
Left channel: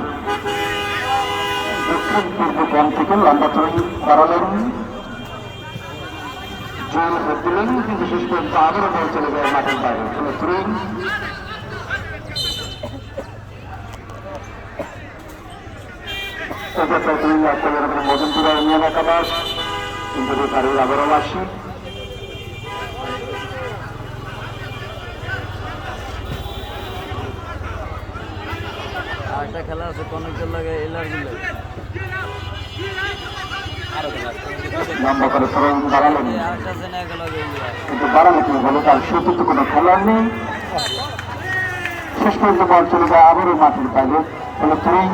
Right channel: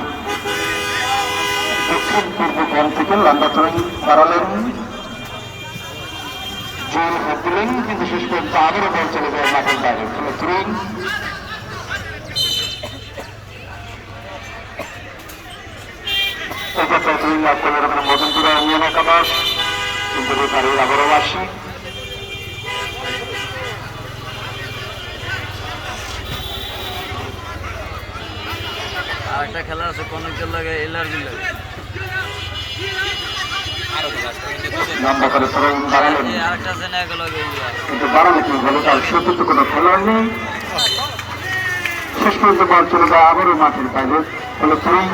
দক্ষিণ পূর্ব কোণ থেকে লম্বা থ্রোইং বাড়ালেন, জোর ভোট দিলেন, কিন্তু শেষ পর্যন্ত আবারও বল চলে যায় মাঠের বাইরে। থ্রোইং মদনপুরা ইউনিয়ন একাদশ, কিন্তু রেফারির আবারও আসি। আরেকটা খেলা আছে কনকের লাগে এলআরবি লাগে লম্বা করে থ্রোইং বাড়ালেন, আরেকটা আছে না লাগে কিন্তু বাড়ালে কি হলো, তার সে কিন্তু কোনো খেলার নেই। শেষ পর্যন্ত বল চলে যায় আবারও মাঠের বাইরে। ফলে থ্রোইং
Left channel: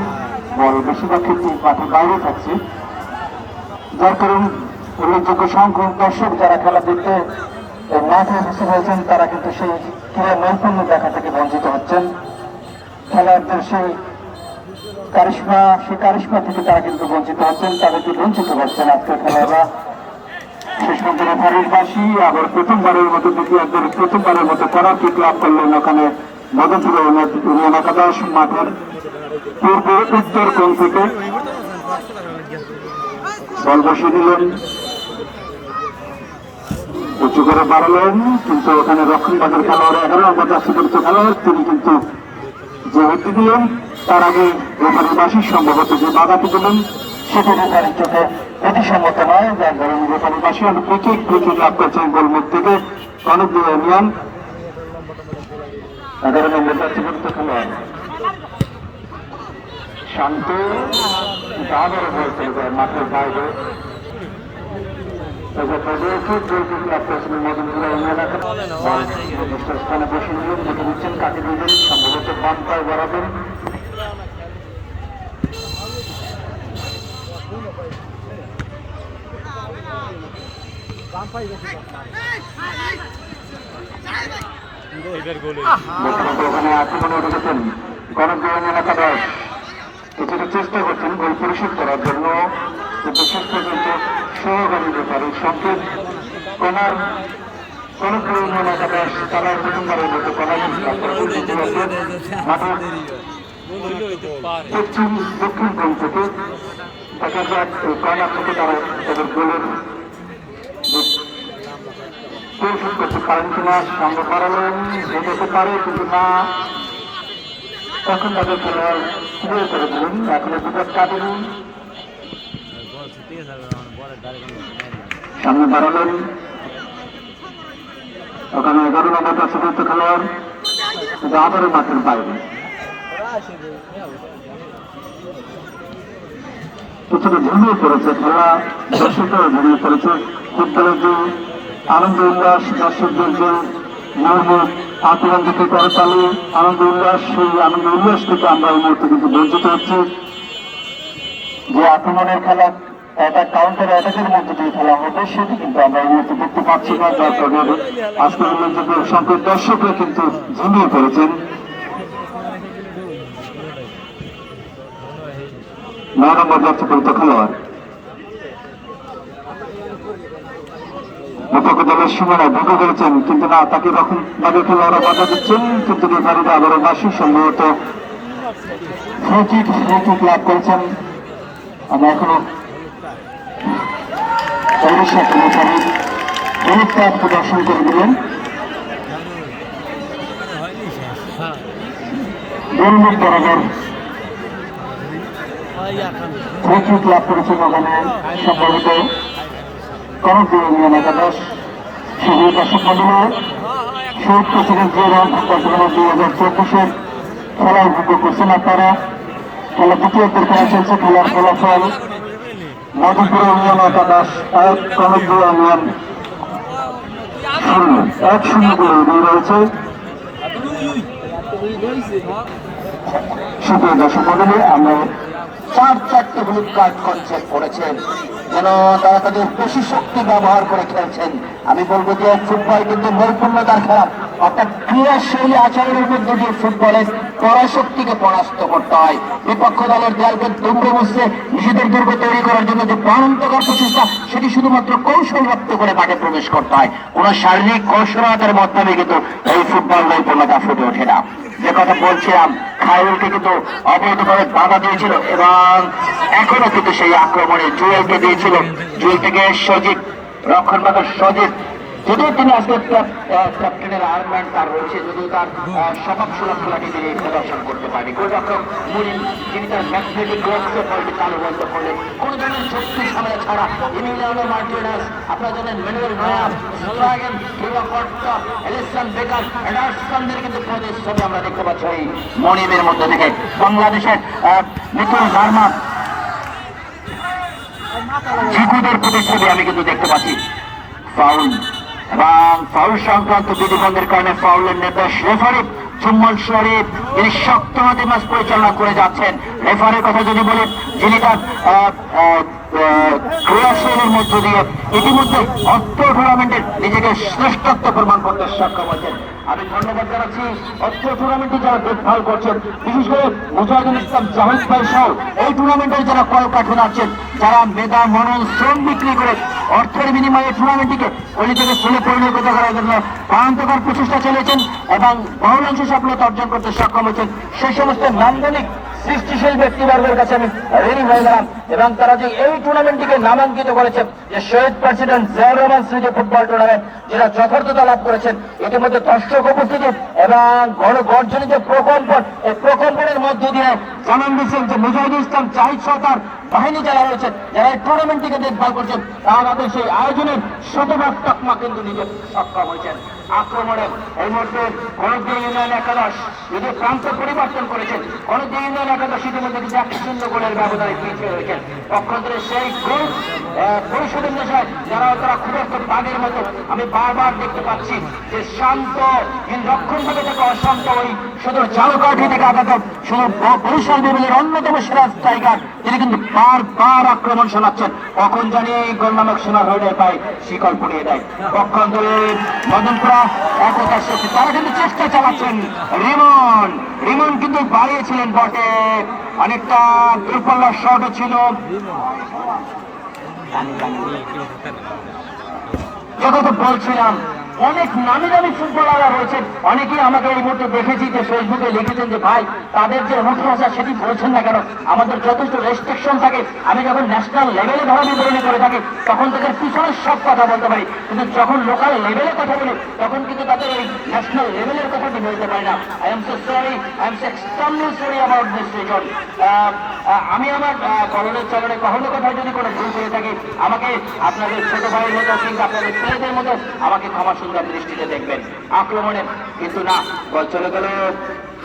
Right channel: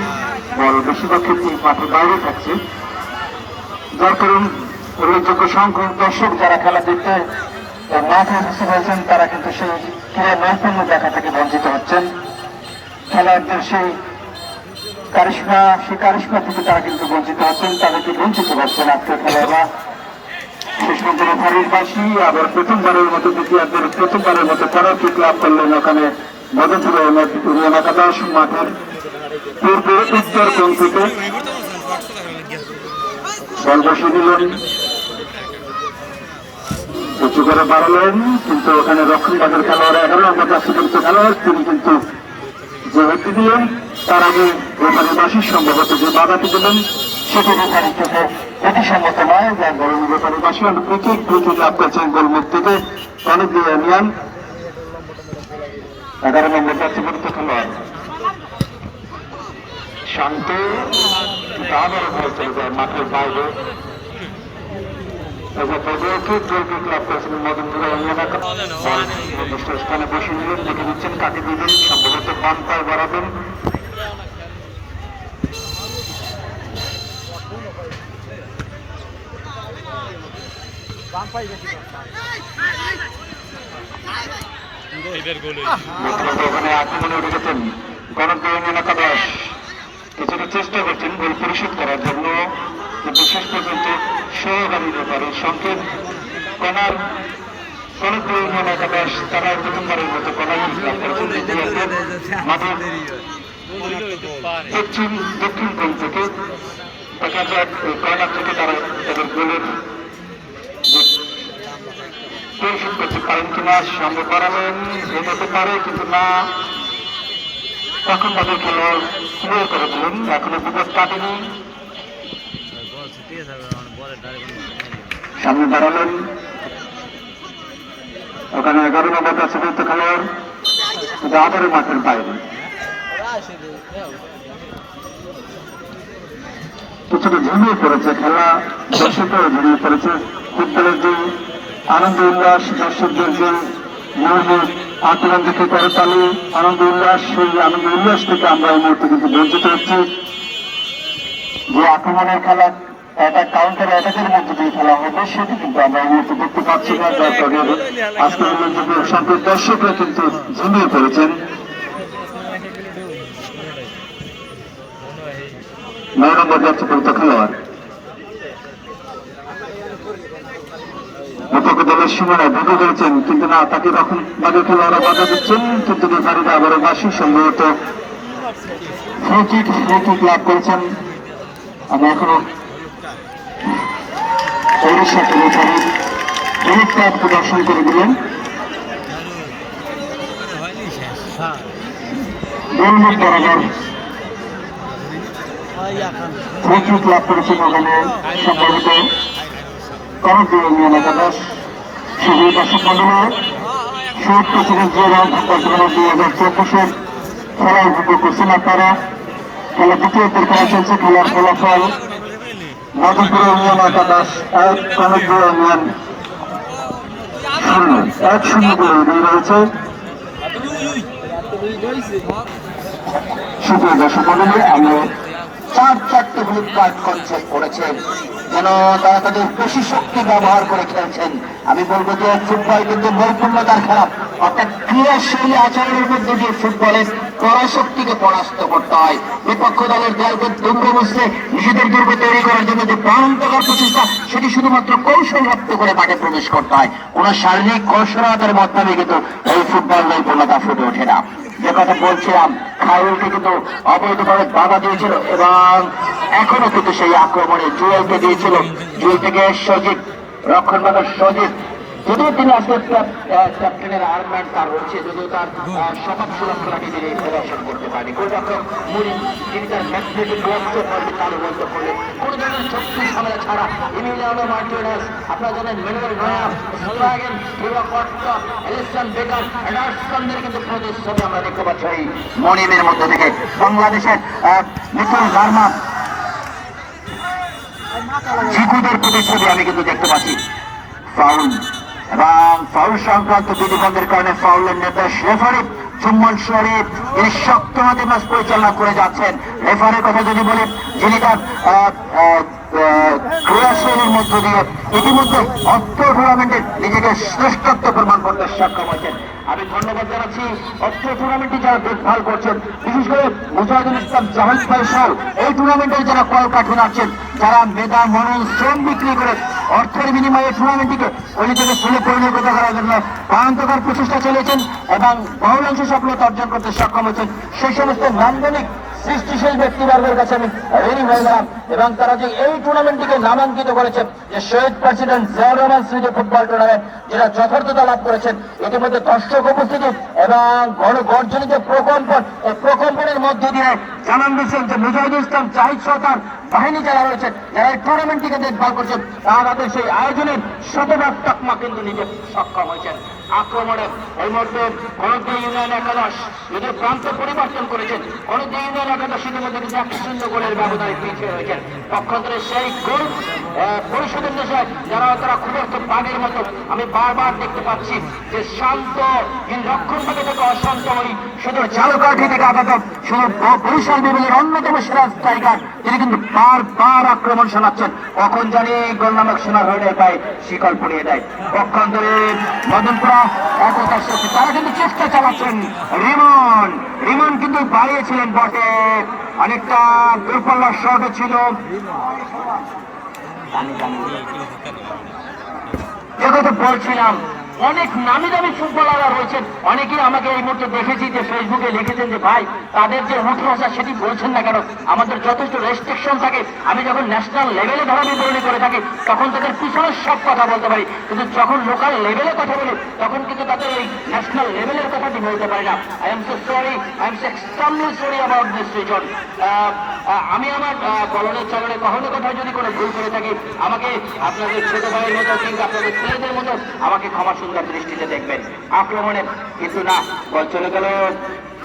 বল বেশিরভাগ ক্ষেত্রে মাঠের বাইরে থাকছে, যার কারণ উল্লেখযোগ্য সংখ্যক দর্শক যারা খেলা দেখতে মাঠে উপস্থিত হয়েছেন তারা কিন্তু সেই ক্রীড়া নৈপুণ্য দেখা থেকে বঞ্চিত হচ্ছেন। খেলোয়াড়দের সেই কারিশমা থেকে তারা কিন্তু বঞ্চিত হচ্ছেন, তাদেরকে বঞ্চিত হচ্ছেন আজকের খেলোয়াড়রা। শেষ পর্যন্ত রেফারির বাঁশি আবার প্রথমবারের মতো দ্বিতীয়ার্ধের প্রথমবারের মতো করার কিক লাভ করলেন ওখানে মদনপুর ইউনিয়ন একাদশ মাঠের পূর্ব উত্তর কোণ থেকে বল বসিয়ে দিলেন, উঁচু করে বাড়ালেন, কিন্তু ওখানে রক্ষণভাগের খেলোয়াড় 11 নম্বর জার্সি পরিচিত খেলোয়াড় তিনি কিন্তু যে হতে দিলেন তার আগে রেফারির বাঁশির সম্ভবত যে বাধাটি দিলেন সেটা রেফারির চোখে প্রতিসম্মত নয়, যার কারণে রেফারির বাঁশি প্রচুর লাভ করছেন গোলমুখ থেকে কনক ইউনিয়ন 11 নম্বর জার্সি পরিচিত খেলোয়াড় শান্ত আবার হয়েছে মাঠের বাইরে। স্থানে বসে নিলেন, দেখে দিচ্ছেন কাকে দিলেন, সম্ভবত বাম পায়ে বাড়াবেন। ওখানে আক্রমণে উঠে গেছেন কনক ইউনিয়ন একাদশ, কিছুটা চেষ্টা করছেন গোল পরিশোধ করার জন্য, কিন্তু শেষ পর্যন্ত সহকারী রেফারির সংকেত কনার কনক ইউনিয়ন একাদশ তারা প্রথমবারের মতো কনার লাভ করেছেন। মাঠের পশ্চিম দক্ষিণ কোণ থেকে দেখা যাক কর্নার থেকে তারা তাদের গোলের পরিশোধ করতে পারেন কিনা। সামনে বাড়ালেন, যেতে পারে কিন্তু না, তখন তাদের খেলোয়াড় ক্লিয়ার করে দিলেন, এখনো বিপদ কাটেনি। সামনে দাঁড়ালেন ওখানে 11 নম্বর কাছে পড়তে খেলোয়াড়, কিন্তু আবারও মাঠের বাইরে। কিছুটা ঝিমিয়ে পড়েছে খেলা, দর্শকরাও ঝিমিয়ে পড়েছে। ফুটবলের যে আনন্দ উল্লাস, দর্শকদের যে নিয়মিত আক্রমণ থেকে করতালি আনন্দ উল্লাস, সেই আনন্দ উল্লাস থেকে আমরা এই মুহূর্তে কিন্তু বঞ্চিত হচ্ছি। যে আক্রমণের খেলা একটা কাউন্টার অ্যাটাকের মধ্যে দিয়ে খেলা হবে সেটি কিন্তু আমরা এই মুহূর্তে দেখতে পাচ্ছি না, যার কারণে আজকের উল্লেখযোগ্য সংখ্যক দর্শকরা কিন্তু ঝিমিয়ে পড়েছেন। 9 নম্বর যাচ্ছে পরিত খেলোয়াড় বিপক্ষ দলের সীমানায় ঢুকে গেছেন, কিন্তু না, তাকে রক্ষণ বাদে খেলোয়াড়রা বাধা দিচ্ছেন, কিন্তু রেফারিরা আবারও বাসি সম্ভবত ফ্রি কিক লাভ করেছেন। আমরা এখনো প্রদর্শন করে দিলেন, গোলমুখ বরাবর ফ্রি কিক লাভ করেছেন ওখানে সম্ভবত কনক ইউনিয়ন একাদশ। সুযোগ দর্শক মন্ডলী শহীদ প্রেসিডেন্ট জিয়া রহমান 2024 খেলা উপভোগ করছেন আপনারা। খেলা দ্বিতীয়দের খেলা চলছে, খেলার ফলাফল মধুপুর ইউনিয়ন একাদশ 1, কনক ইউনিয়ন 0, 1-0 করে এগিয়ে রয়েছে। সুপ্রিয় দর্শক মন্ডলী, আমরা 4-4টে হলুদ কার্ড কনসেপ্ট করেছেন, যেন তারা তাদের বেশি শক্তি ব্যবহার করে খেলছেন। আমি বলবো যে ফুটবল কিন্তু নৈপুণ্যতার খেলা, অর্থাৎ ক্রীড়াশৈলী আচরণের মধ্যে দিয়ে ফুটবলের পরাশক্তিকে পরাস্ত করতে হয়। বিপক্ষ দলের দেয়ালকে দুর্গ বসতে নিজেদের দুর্গ তৈরি করার জন্য যে প্রাণান্তকর প্রচেষ্টা, সেটি শুধুমাত্র কৌশলপ্রাপ্ত করে মাঠে প্রবেশ করতে হয়। কোন শারীরিক কৌশলতার মাধ্যমে কিন্তু এই ফুটবল নৈপুণ্যতা ফুটে ওঠে না। যে কথা বলছিলাম, খায়রুলকে কিন্তু অবৈধভাবে বাধা দিয়েছিল এবং এখনো কিন্তু সেই আক্রমণে জুয়েলকে দিয়েছিল। জুয়েল থেকে সজীব, রক্ষণভাগের সজীব, যদিও তিনি আজকে ক্যাপ্টেনের আর্মান্ড তার রয়েছে, যদিও তার সবক সুরক্ষাটি তিনি প্রদর্শন করতে পারেনি। গোলরক্ষক মুরিন, তিনি তার ম্যাগনেটিক গ্লাভস বলটি চালু বন্ধ করলেন। কোন ধরনের শক্তি ঝামেলা ছাড়া ইমিলিয়ানো মার্টিনেজ, আপনারা জানেন মেনুয়েল নয়্যার, স্ট্রাইগেন, ডিগো কস্তা, এলিসন বেকার, এন্ডারসনদের কিন্তু প্রতিশ্রুতি আমরা দেখতে পাচ্ছি এই মনিমের মধ্যে থেকে। বাংলাদেশের নতুন জার্মান জিকুদের প্রতিশ্রুতি আমি কিন্তু দেখতে পাচ্ছি। ফাউল এবং ফাউল সংক্রান্ত বিধিবন্ধের কারণে ফাউলের নির্দেশ রেফারি জুম্মল শরীফ, তিনি শক্ত হাতে ম্যাচ পরিচালনা করে যাচ্ছেন। রেফারির কথা যদি বলি, যিনি তার ক্রিয়াশীলের মধ্য দিয়ে ইতিমধ্যে অর্থ টুর্নামেন্টে নিজেকে শ্রেষ্ঠত্ব প্রমাণ করতে সক্ষম হয়েছেন। আমি ধন্যবাদ জানাচ্ছি অর্থ টুর্নামেন্টে যারা দেখভাল করছেন, বিশেষ করে মুজাহিদুল ইসলাম জাহিদ ভাই সহ এই টুর্নামেন্টের যারা কলকাঠি নাড়ছেন, যারা মেধা মনন শ্রম বিক্রি করে অর্থের বিনিময়ে টুর্নামেন্টটিকে অলি থেকে ফুলে পরিণত করার জন্য প্রাণান্তকর প্রচেষ্টা চালিয়েছেন এবং বহুলাংশ সফলতা অর্জন করতে সক্ষম হয়েছেন। সেই সমস্ত নান্দনিক সৃষ্টিশীল ব্যক্তিবর্গের কাছে আমি ঋণী হয়ে গেলাম এবং তারা যে এই টুর্নামেন্টটিকে নামাঙ্কিত করেছে, যে শহীদ প্রেসিডেন্ট জিয়াউর রহমান স্মৃতি ফুটবল টুর্নামেন্ট, যেটা যথার্থতা লাভ করেছেন। ইতিমধ্যে দর্শক উপস্থিতি এবং গণগর্জনিত প্রকম্পন, এই প্রকম্পনের মধ্যে দিয়ে জানান দিয়েছেন যে মুজাহিদুল ইসলাম জাহিদ সরকার বাহিনী যারা রয়েছেন, যারা এই টুর্নামেন্টটিকে দেখভাল করছেন, তারা সেই আয়োজনের শতভাগ তকমা কিন্তু নিতে সক্ষম হয়েছেন। আক্রমণের এই মুহূর্তে গণিত ইউনিয়ন একাদশ যদি প্রান্ত পরিবর্তন করেছেন, গণিত ইউনিয়ন একাদশ ইতিমধ্যে কিন্তু 1-0 গোলের ব্যবধানে পিছিয়ে রয়েছেন। পক্ষান্তরে সেই গোল পরিষদের দেশে যারা তারা খুব একটা বাঘের মতো আমি বারবার দেখতে পাচ্ছি যে শান্ত রক্ষণ থেকে থেকে অশান্ত ওই শুধু ঝালকাঠি থেকে আগত শুধু বরিশাল বিভাগের অন্যতম সেরা স্ট্রাইকার, তিনি কিন্তু বারবার আক্রমণ শোনাচ্ছেন। কখন জানি গোল নামক সোনা হয়ে পায় শিকল পড়িয়ে দেয়। পক্ষান্তরে মদনপুরা একতার সাথে তারা কিন্তু চেষ্টা চালাচ্ছেন। রিমন কিন্তু বাড়িয়েছিলেন বটে, অনেকটা দূরপাল্লার শট ছিল। যেটা বলছিলাম, অনেক নামি দামি ফুটবলাররা রয়েছেন, অনেকেই আমাকে এই মুহূর্তে দেখেছি যে ফেসবুকে লিখেছেন যে ভাই তাদের যে উঠে আসা সেটি বলছেন না কেন, আমাদের যথেষ্ট রেস্ট্রিকশন থাকে। আমি যখন ন্যাশনাল লেভেলে ধরা বিবরণী করে থাকি তখন তাদের পিছনের সব কথা বলতে পারি, কিন্তু যখন লোকাল লেভেলে কথা বলি তখন কিন্তু তাদের ওই ন্যাশনাল লেভেলের কথাটি বলতে পারি না। I am so sorry, I am so extremely sorry about this reason. আমি আমার কলনের চলনে কখনো কোথায় যদি কোনো ভুল করে থাকি, আমাকে আপনাদের ছোট ভাইয়ের মতো কিন্তু আপনাদের প্রিয়দের মতো আমাকে ক্ষমা সুন্দর দৃষ্টিতে দেখবেন। আক্রমণের কিন্তু না, বল চলে গেল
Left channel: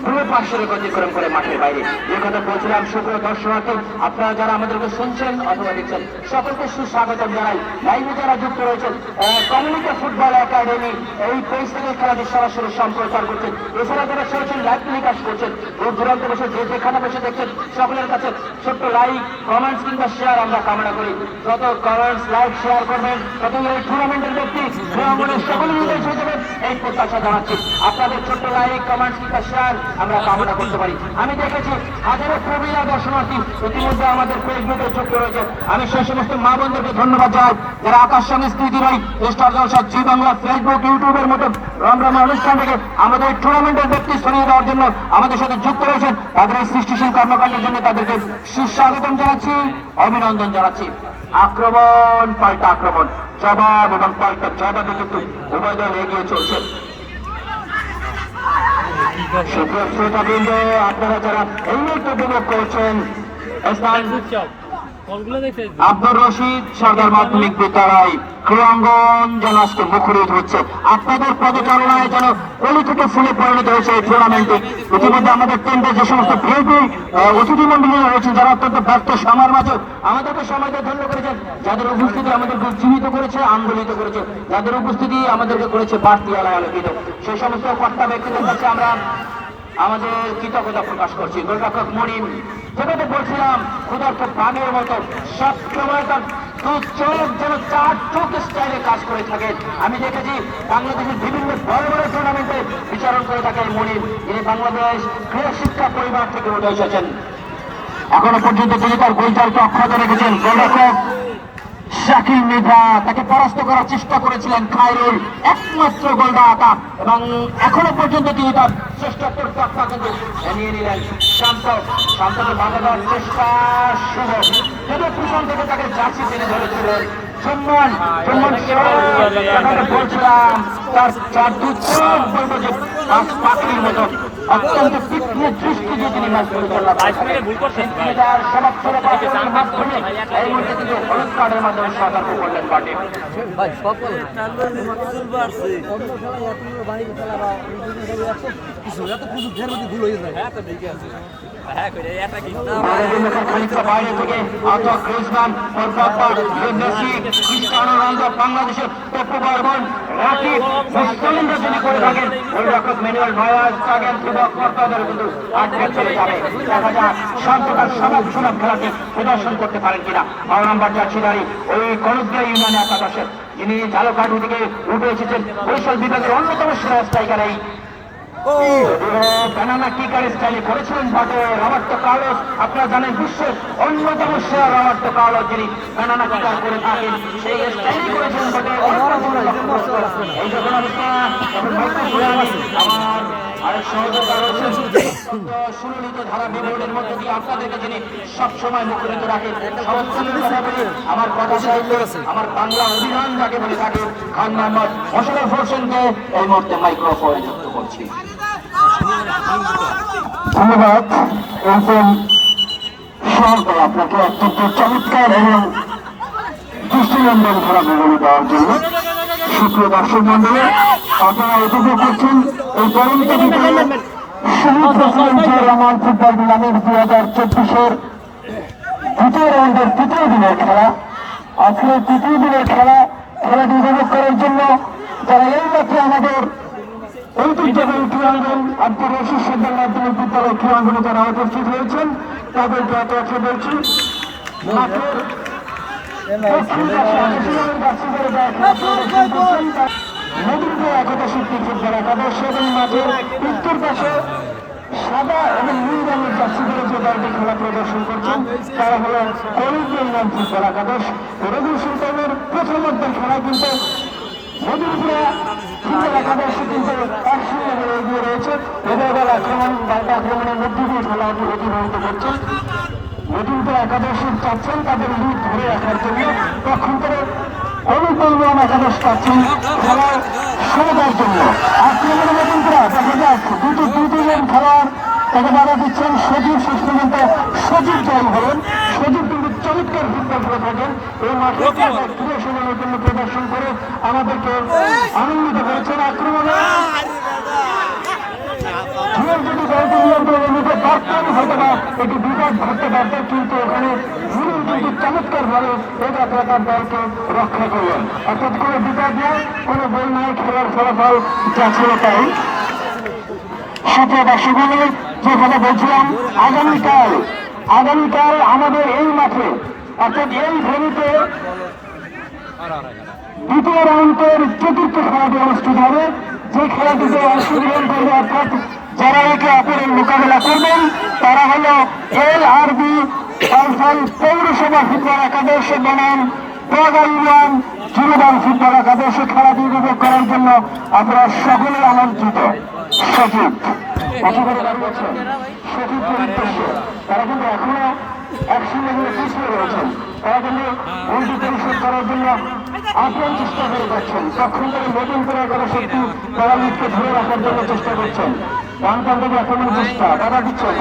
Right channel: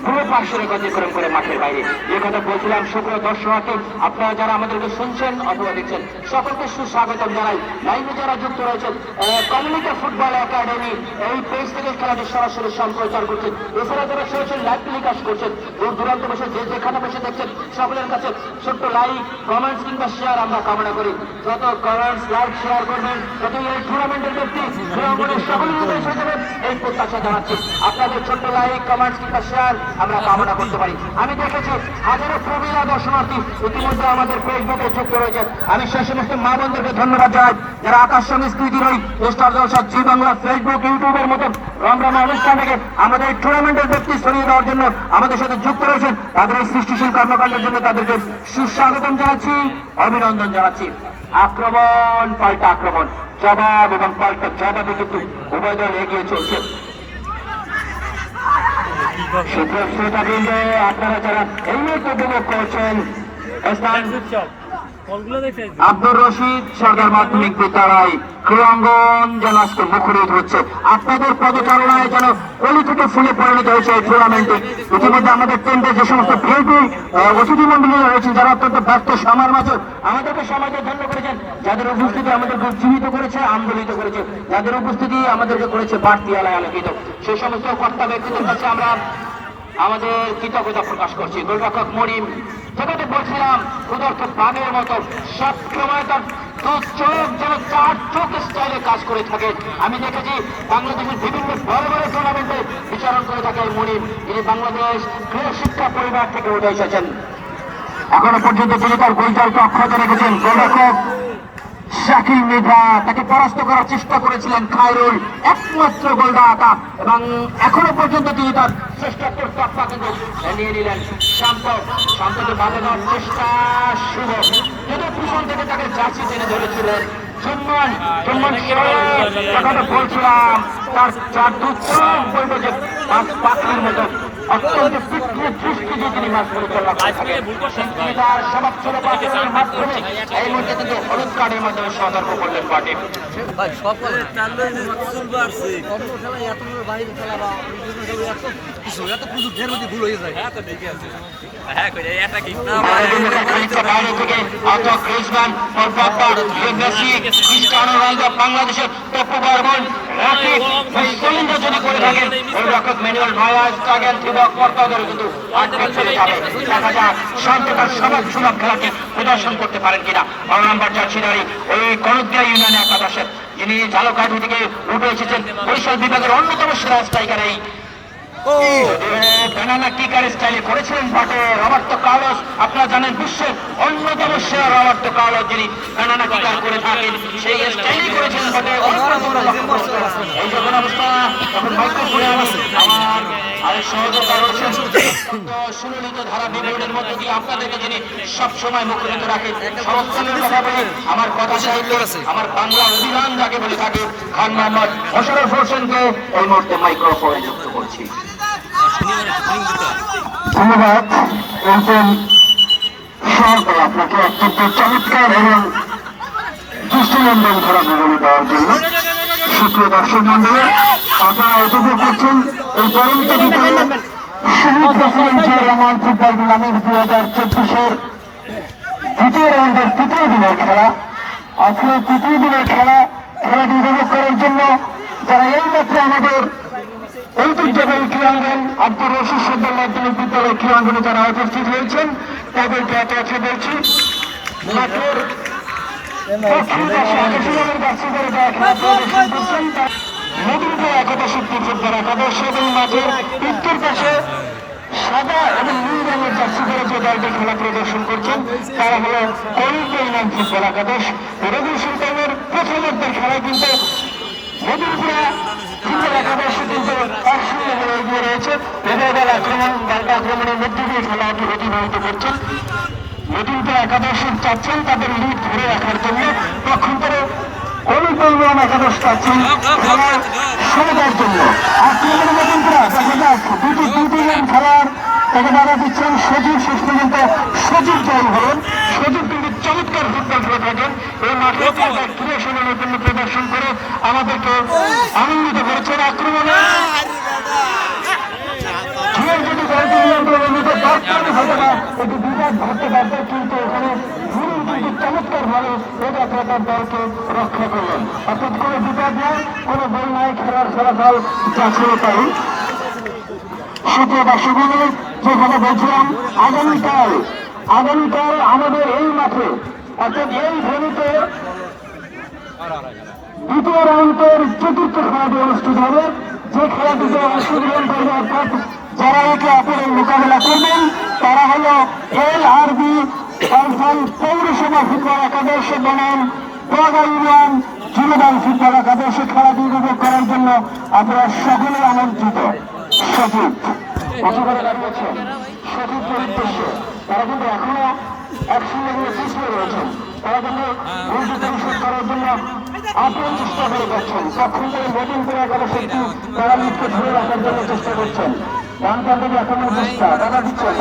পুরো পাশের অতিক্রম করে মাঠের বাইরে। যে কথা বলছিলাম, সুপ্রিয় দর্শনার্থী, আপনারা যারা আমাদেরকে শুনছেন অথবা দেখছেন সকলকে সুস্বাগতম জানাই। লাইভে যারা যুক্ত রয়েছেন, কমিউনিটি ফুটবল একাডেমি এই পেজ থেকে খেলাটি সরাসরি সম্প্রচার করছেন। এছাড়া যারা সরাসরি লাইভ টেলিকাস্ট করছেন, দূর দূরান্ত বসে যে যেখানে বসে দেখছেন, সকলের কাছে ছোট্ট লাইক, কমেন্টস কিংবা শেয়ার আমরা কামনা করি। যত কমেন্টস, লাইক, শেয়ার করবেন, তত এই টুর্নামেন্টের ব্যক্তি সকলেই হয়ে যাবেন এই প্রত্যাশা জানাচ্ছি। আপনাদের ছোট্ট লাইক, কমেন্টস কিংবা শেয়ার আমরা কামনা করতে পারি। আমি দেখেছি হাজারো প্রবীণা দর্শনার্থী ইতিমধ্যে আমাদের ফেসবুকে যুক্ত রয়েছে। আমি সেই সমস্ত মা বোনদেরকে ধন্যবাদ জানাই যারা আকাশ সংস্কৃতির ওই স্টার জলসা জি বাংলা ফেসবুক ইউটিউবের মতো রমরমা অনুষ্ঠান থেকে আমাদের টুর্নামেন্টের ব্যক্তি ছড়িয়ে দেওয়ার জন্য আমাদের সাথে যুক্ত রয়েছেন। তাদের এই সৃষ্টিশীল কর্মকাণ্ডের জন্য তাদেরকে সুস্বাগতম জানাচ্ছি, অভিনন্দন জানাচ্ছি। আক্রমণ পাল্টা আক্রমণ, জবাব এবং পাল্টা জবাবে কিন্তু উভয় দল এগিয়ে চলছে। আপনারা যারা এই মুহূর্তে উপভোগ করেছেন, আব্দুর রশিদ সরদার মাধ্যমিক বিদ্যালয় ক্রীড়াঙ্গন যেন আজকে মুখরিত হচ্ছে। আপনাদের পদচারণায় যেন অলি থেকে ফুলে পরিণত হয়েছে এই টুর্নামেন্টে। ইতিমধ্যে আমাদের টেন্টে যে সমস্ত ভিআইপি অতিথি মন্ডলী রয়েছেন, যারা অত্যন্ত ব্যস্ত সময়ের মাঝে আমাদেরকে সময়কে ধন্য করেছেন, যাদের উপস্থিতি আমাদেরকে উজ্জীবিত করেছে, আন্দোলিত করেছে, যাদের উপস্থিতি আমাদেরকে করেছে বাড়তি আলায় আলোকিত, সেই সমস্ত কর্তা ব্যক্তিদের কাছে আমরা আমাদের কৃতজ্ঞতা প্রকাশ করছি। গোলরক্ষক মরিম, যেটাতে বলছিলাম ক্ষুধার্ত প্রাণের মতো সবসময় তার চোখ যেন 4 চোখ স্টাইলে কাজ করে থাকে। আমি দেখেছি বাংলাদেশের বিভিন্ন বড় বড় টুর্নামেন্টে বিচারণ করে থাকে মরিম, যিনি বাংলাদেশ ক্রীড়া শিক্ষা পরিবার থেকে উঠে এসেছেন। এখনো পর্যন্ত তিনি তার গোলজালকে অক্ষত রেখেছেন। গোলরক্ষক শাকিল মৃধা, তাকে পরাস্ত করার চেষ্টা করেছিলেন খায়রুল, একমাত্র গোলদাতা এবং এখনো পর্যন্ত তিনি তার শ্রেষ্ঠত্বের পাক্কা কিন্তু নিয়ে নিলেন। শান্তকে বাঁধাবার চেষ্টা শুরু, যদি পিছন থেকে তাকে জার্সি টেনে ধরেছিলেন বলছিলাম তার চার দুই বলবে যে পাখির মতো অত্যন্ত তীক্ষ্ণ দৃষ্টি দিয়ে তিনি মাঠ পরিচালনা হলুদ কার্ডের মাধ্যমে সতর্ক করলেন মাঠে। ভুল হয়ে যায়। বাংলাদেশের প্রদর্শন করতে পারেন কিনা। 9 নম্বর জার্সিধারী ওই কলুদিয়া ইউনিয়ন একাদশের যিনি ঝালকাঠি থেকে উঠে এসেছেন বরিশাল বিভাগের অন্যতম সেরা স্ট্রাইকার এই কানানা কিকার স্টাইলে করেছিলেন মাঠে রবার্তো কার্লোস। আপনারা জানেন বিশ্বের অন্যতম সেরা রবার্তো কার্লোস যিনি কানানা কিকার করে থাকেন, সেই স্টাইলে করেছিলেন মাঠে। এই যে আরেক সহযোগিতা রয়েছেন সুনিয়মিত ধারা বিবরণের মধ্যে দিয়ে আপনাদেরকে যিনি সবসময় মুখরিত রাখেন। সরস্বতীর কথা বলে আমার কথা সাহিত্য আমার বাংলা অভিধান যাকে বলে থাকে মোশাররফ হোসেনকে এই মুহূর্তে মাইক্রোফোনে যুক্ত করছি। ধন্যবাদ আপনাকে অত্যন্ত চমৎকার এবং দৃষ্টিনন্দন খেলা বিবরণী দেওয়ার জন্য। সুপ্রিয় দর্শক মন্ডলী, আপনারা উপভোগ করছেন এই পরন্ত বিকেলে শহীদ প্রেসিডেন্ট রহমান ফুটবল টুর্নামেন্ট 2024-এর দ্বিতীয় রাউন্ডের তৃতীয় দিনের খেলা। আজকে তৃতীয় দিনের খেলাটি উপভোগ করার জন্য যারা এই মাত্র আমাদের ঐতিহ্যবাহী ক্রীড়াঙ্গন আব্দুর রশিদ সরদার মাধ্যমিক বিদ্যালয় ক্রীড়াঙ্গনে যারা উপস্থিত হয়েছেন তাদেরকে একে বলছি মাঠের দক্ষিণ পাশে নদীর একাদশের ফুটবল একাদশ এবং মাঠের উত্তর পাশে সাদা এবং নীল রঙের জার্সি পরে যে দলটি খেলা প্রদর্শন করছেন তারা হল কলুদিয়া ইউনিয়ন ফুটবল একাদশ। রবি সুলতানের প্রথমার্ধের খেলায় কিন্তু মধুপুরা ফুটবল একাদশ কিন্তু 1-0 হয়ে এগিয়ে রয়েছে। এবার আক্রমণের মধ্যে দিয়ে খেলাটি অতিবাহিত করছেন। মধুপুরা একাদশের চাচ্ছেন তাদের লিড ধরে রাখার জন্য, পক্ষান্তরে কলুদিয়া একাদশ চাচ্ছেন খেলার সমতার জন্য। আক্রমণের মধুপুরা দেখা যাক দুজন খেলার তাকে বাধা দিচ্ছেন সজীব। শেষ পর্যন্ত সজীব জয় হলেন। সজীব কিন্তু চমৎকার ফুটবল খেলে থাকেন। এই মাঠে দূরে সরানোর জন্য প্রদর্শন করে আমাদেরকে আনন্দিত করেছেন। আক্রমণে একটু বিপদ ভাবতে পারত, কিন্তু ওখানে চমৎকার ভাবে একাগ্রতার দলকে রক্ষা করলেন। অর্থাৎ কোনো বিপদ না, কোনো বই নাই, খেলার ফলাফল যা ছিল তাই। সুপ্রিয় দর্শক মণ্ডলী, যেখানে বলছিলাম আগামীকাল আমাদের এই মাঠে অর্থাৎ এই ভেন্যুতে দ্বিতীয় রাউন্ডের চতুর্থ খেলাটি অনুষ্ঠিত হবে। যে খেলাটিতে অংশগ্রহণ করবে অর্থাৎ যারা একে অপরের মোকাবেলা করবেন তারা হল LRB পৌরসভা ফুটবল একাদশ বনাম বাগা ইউনিয়ন জুনিয়র ফুটবল একাদশে খেলাটি উপভোগ করার জন্য আমরা সকলে আমন্ত্রিত। সচিব তারা কিন্তু এখনো একসঙ্গে নিয়ে চেষ্টা রয়েছেন। তারা কিন্তু বন্ধু পরিশোধ করার জন্য আপ্রাণ চেষ্টা করে যাচ্ছেন। তখন থেকে নতুন করে কোনো শক্তি তারা লিখকে ধরে রাখার জন্য চেষ্টা করছেন। রামকান্ডকে এখনো চেষ্টা তারা দিচ্ছেন,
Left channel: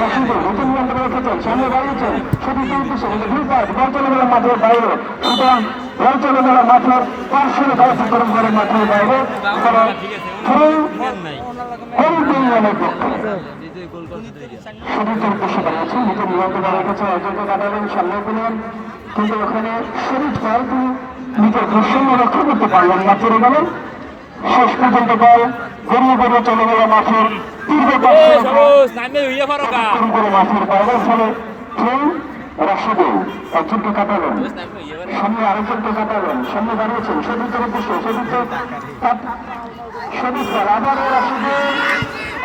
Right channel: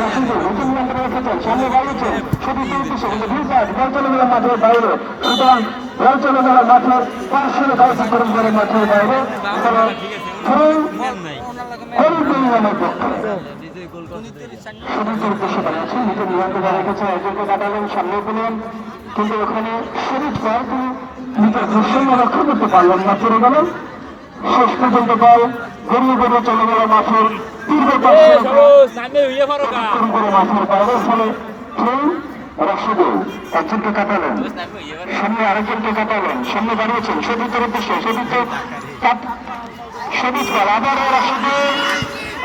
নতুন মন্ত্রী রেখেছেন, সামনে বাড়িয়েছেন, সেটি চলতেছে কিন্তু বিপদ বলচলমেলা মাঠের বাইরে। সুতরাং বলচলমেলা মাঠের পার্শ্বরে দায়িত্ব পালন করে মাঠের বাইরে তারা সামনে পেলেন, কিন্তু ওখানে শরীর বল তিনি নিজের দৃশ্যকে রক্ষা করতে পারলেন না, চলে গেলেন। শেষ পর্যন্ত বল গড়িয়ে চলে গেল মাঠের মাঠের বাইরে। ফলে রাশিদুল একজনকে কাটালেন, সামনে আরেকজনকে কাটালেন, সামনে দাঁড়িয়েছেন সদীপের উদ্দেশ্যে সদীপ বল আবারও রাশিদুল।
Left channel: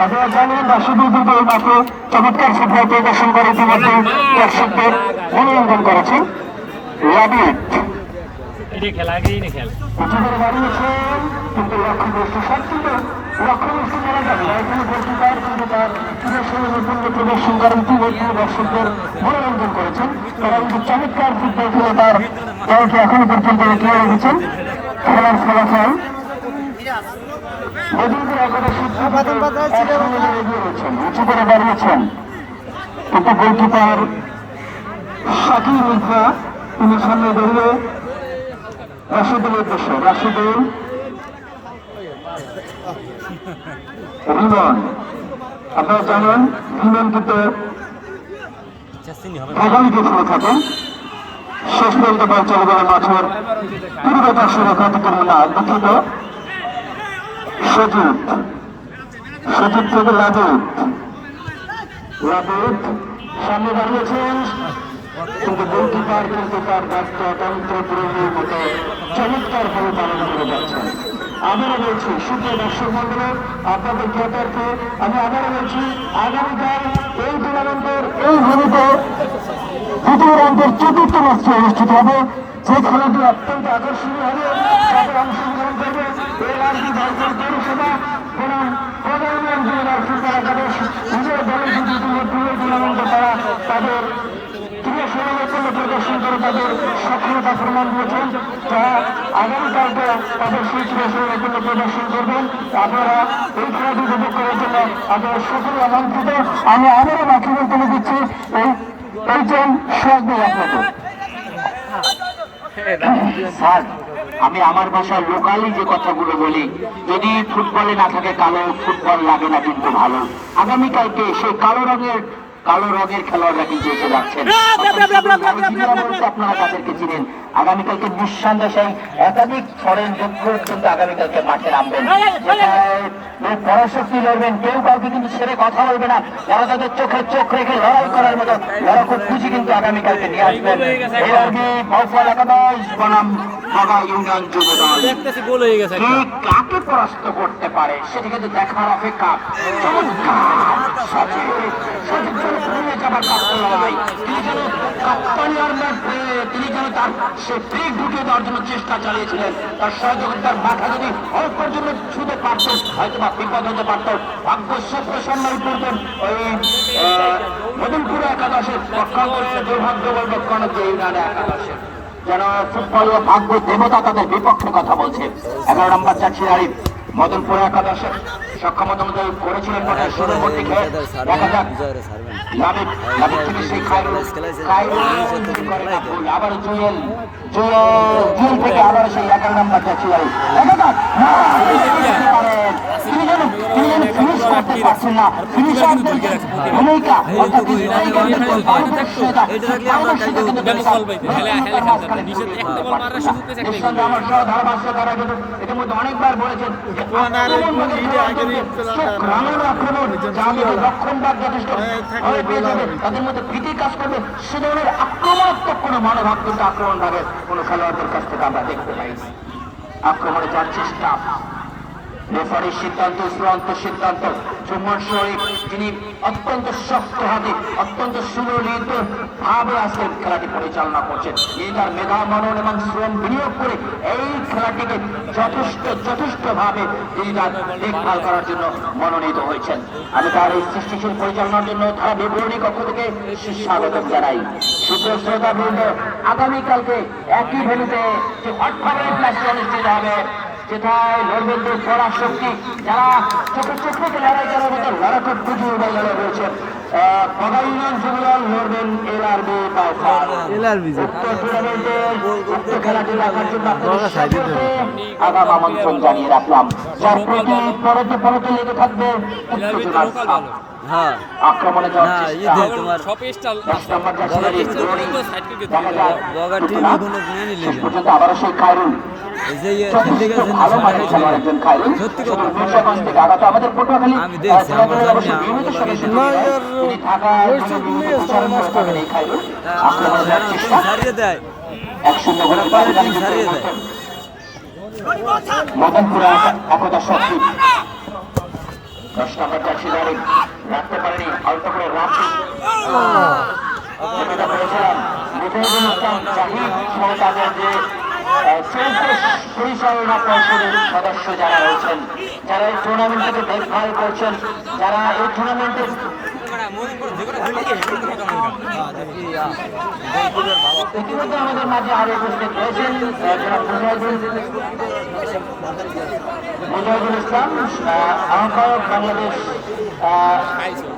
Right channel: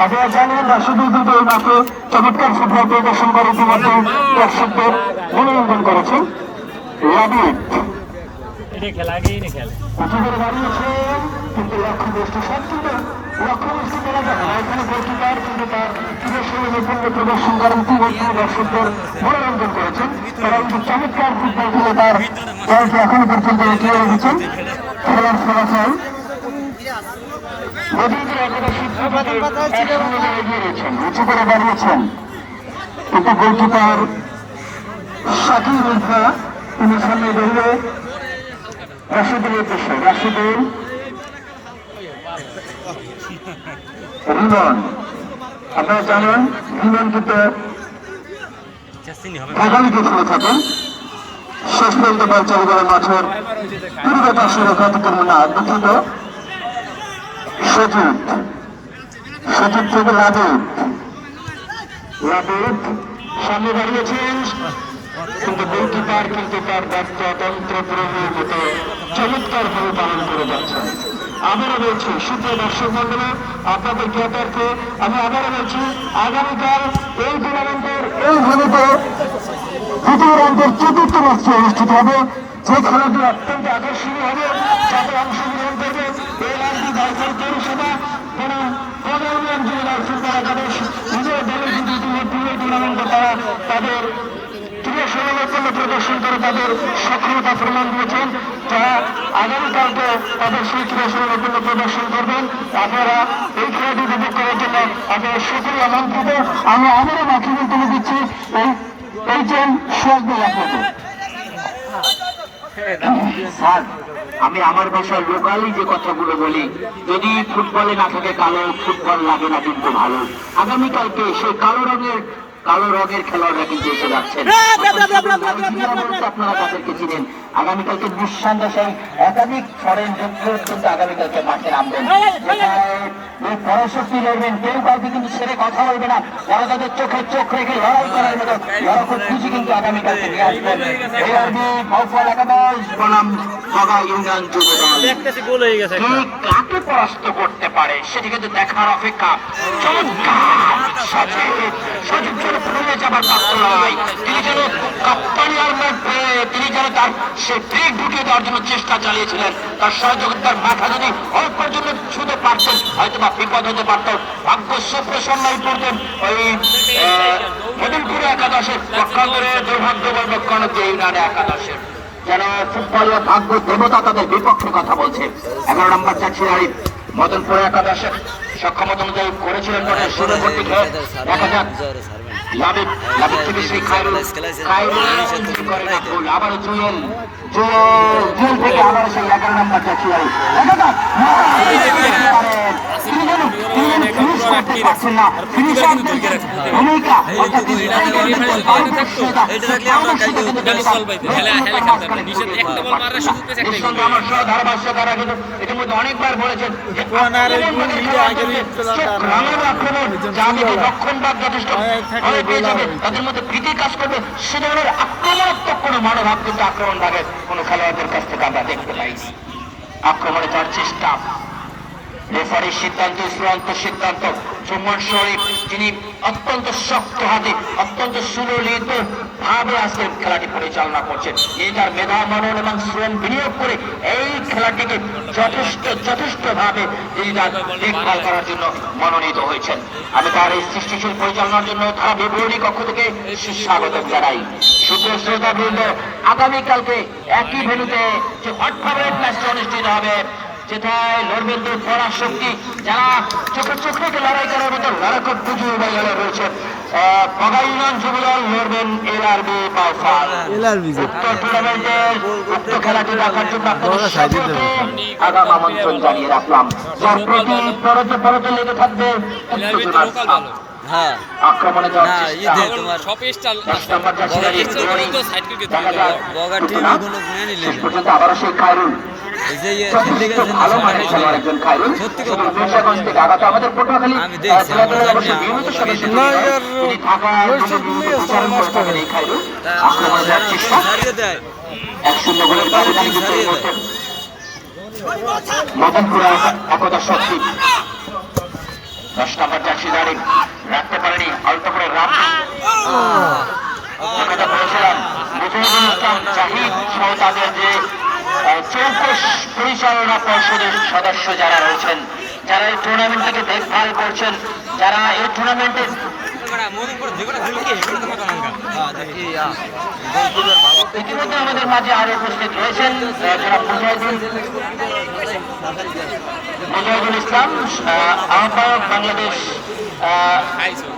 আপনারা জানেন রাশিদুল কিন্তু এই মাঠে চমৎকার ফুটবল প্রদর্শন করে ইতিমধ্যে দর্শকদের মনোরঞ্জন করেছেন। লাবিদ এটা খেলা আগেই না খেলে একেবারে দাঁড়িয়েছে কিন্তু লক্ষ্য বস্তু সবচেয়ে লক্ষ্য বস্তু করা যাবে না এখানে গোলকিপার কিন্তু তার প্রদর্শন করেন দর্শকদের মনোরঞ্জন করেছেন এবং চমৎকার ফুটবল খেলে তার দলকে এখনো পর্যন্ত এগিয়ে রেখেছেন খেলার ফলাফল নদীদের একেবারে সূত্রপাতে একসঙ্গে এগিয়ে রয়েছেন উঁচু করে দাঁড়িয়েছেন কিন্তু গোলকিপার শাকির উল্ফা তিনি সামনে বেরিয়ে রাশিদের উদ্দেশ্যে রাশিদুল রিমন আপনারা জানেন রিমন কিন্তু আগামীকে খেলে থাকেন শেষ পর্যন্ত বল চালু করে মাঠের পূর্ব পাশে ঘাতকের না দুঃখিত সজিত সজিত থেকে লাদেব লাদেব সামনে দাঁড়িয়েছেন কিন্তু গোলকিপার কিন্তু তার দায়িত্ব তন্ত্র প্রয়োগের মতো চমৎকার ভাবে পালন করে যাচ্ছেন আবারও বলছি সুপ্রিয় দর্শক মন্ডলে আপনাদের ক্রেতারকে আমি আবারও বলছি আগামীকাল এই টুর্নামেন্টের এই ভূমিতে দ্বিতীয় রাউন্ডের চতুর্থ ম্যাচটি অনুষ্ঠিত হবে যে খেলাটি অত্যন্ত আকর্ষণীয় হবে যাতে অংশগ্রহণ করবে এই রাজ্য ভারতের পৌরসভা এবং প্রধানমন্ত্রী জেলার ফুটবল একাদশ নিজের দলের কিন্তু ইতিমধ্যে এই টুর্নামেন্টে তারা তাদের প্রিয় সমালোচনা প্রদর্শন করে তাদের সক্রিয়তা প্রমাণ দিয়েছেন যারা আগামীকালকে তাদের সেই প্রিয় সমালোচনা প্রদর্শন করবেন আপনারা এই খেলাটি উপভোগ করার জন্য আপনারা সকলে আমন্ত্রিত আমি আবারও বাকিদের তুলে দিচ্ছি এইচএম সোহাগ আপনাকে স্যার আমি আমার ভাষায় লোকালি যে কথাগুলো বলি যদি ফুটবলে না থাকে কালো ফুটবল লাগে না কিন্তু ভালো আগামীকালকে সেই কালো রঙের খেলোয়াড়রা কিন্তু এসে যাচ্ছেন আপনারা তাদেরকে চিনেন আগামীকালকে নিঃসন্দেহে একাধিক ফরেন যোদ্ধা কিন্তু আগামীকালকে মাঠে নামবেন পরাশক্তি লড়বেন কেউ কাউকে কিন্তু ছেড়ে কথা বলবে না যারা তাদের চোখে চোখ রেখে লড়াই করার মতো লড়াকু খুঁজি কিন্তু আগামীকালকে নিয়ে আসবেন ফল একাদশ বনাম বাবা ইউনিয়ন যুব দল কাকে পরাস্ত করতে পারে সেটি কিন্তু দেখার অপেক্ষা তিনি যেন তার সে ব্রেক ঢুকিয়ে দেওয়ার জন্য চেষ্টা চালিয়েছিলেন তার সহযোগিতার মাথা যদি অল্প জন্য ছুঁতে পারতেন হয়তো বা বিপদ হতে পারত ভাগ্য সূত্রে সম্মান করতেন ওই মেদিনীপুরে একাদশের পক্ষাঙ্গরে দুর্ভাগ্য বলবে কনক ইউনিয়নে একাদশের যেন ফুটবল ভাগ্য দেবতা তাদের বিপক্ষে কথা বলছে 11 নম্বর চাচ্ছি আরিফ মদনপুর একাদশের সক্ষমতা অনুযায়ী করেছিলেন দেখা যাক থেকে সেই আবার জুয়েল থেকে আবার সেই 11 নম্বর চাচ্ছি আরিফ অনেকবার বলেছেন রক্ষণবাদ যথেষ্ট পেয়ে যাবে তাদের মধ্যে প্রীতি কাজ করবে সে ধরনের আক্রমণাত্মক কোনো মনোভাব কিন্তু আক্রমণ ভাবে কোনো খেলোয়াড়দের কাছ থেকে আমরা দেখতে পাইনি আক্রমণে যাওয়ার চেষ্টা রেফারির সিদ্ধান্ত চূড়ান্ত সিদ্ধান্ত জুম্মান শরীফ যিনি অত্যন্ত শক্ত হাতে অত্যন্ত সুললিত ভাবে আজকের খেলাটি পরিচালনা করছেন তিনি তার মেধা মনন এবং শ্রম বিনিয়োগ করে এই খেলাটিকে যথেষ্ট ভাবে তিনি তার দেখভাল করার জন্য মনোনীত হয়েছেন আমি তার এই সৃষ্টিশীল পরিচালনার জন্য তারা বিবরণী কক্ষ থেকে সুস্বাগত জানাই সুপ্রিয় শ্রোতাবৃন্দ আগামীকালকে একই ভেন্যুতে যে ম্যাচটি অনুষ্ঠিত হবে যেটায় লড়বেন পরাশক্তি যারা চোখে চোখ রেখে লড়াই করার মতো লড়াকে পুজো রয়েছে বাবা ইউনিয়ন যুব দল লড়বেন এলআরবি উক্ত টুর্নামেন্টের উক্ত খেলাটি দেখার জন্য আপনাদের সকলকে আগাম আমন্ত্রণ জানিয়ে রাখলাম যার প্রতি পরতে লেগে থাকবে আক্রমণে পর্যন্ত আবারও সেই খায়রুল ভালো মানের খেলোয়াড় একজন খায়রুল থেকে আগত আমাদের পটুয়াখালী মদনপুরা একতা শক্তি 10 নম্বর চাচ্ছি দাঁড়িয়ে রাখতে পারেনি অল্প করে বলেছিলাম মুজিবুল ইসলাম জাহিদ সহ তাদের যে চৌকস পরিচালনা পর্ষদের সদস্য যারা রয়েছেন, যারা এই টুর্নামেন্টটাকে দেখভাল করছেন, যারা এই টুর্নামেন্টের ইতিমধ্যে আমাদের মাঝে আরো উপস্থিত রয়েছেন জনাব মুজাহিদুল ইসলাম, আহ্বায়ক বাংলাদেশ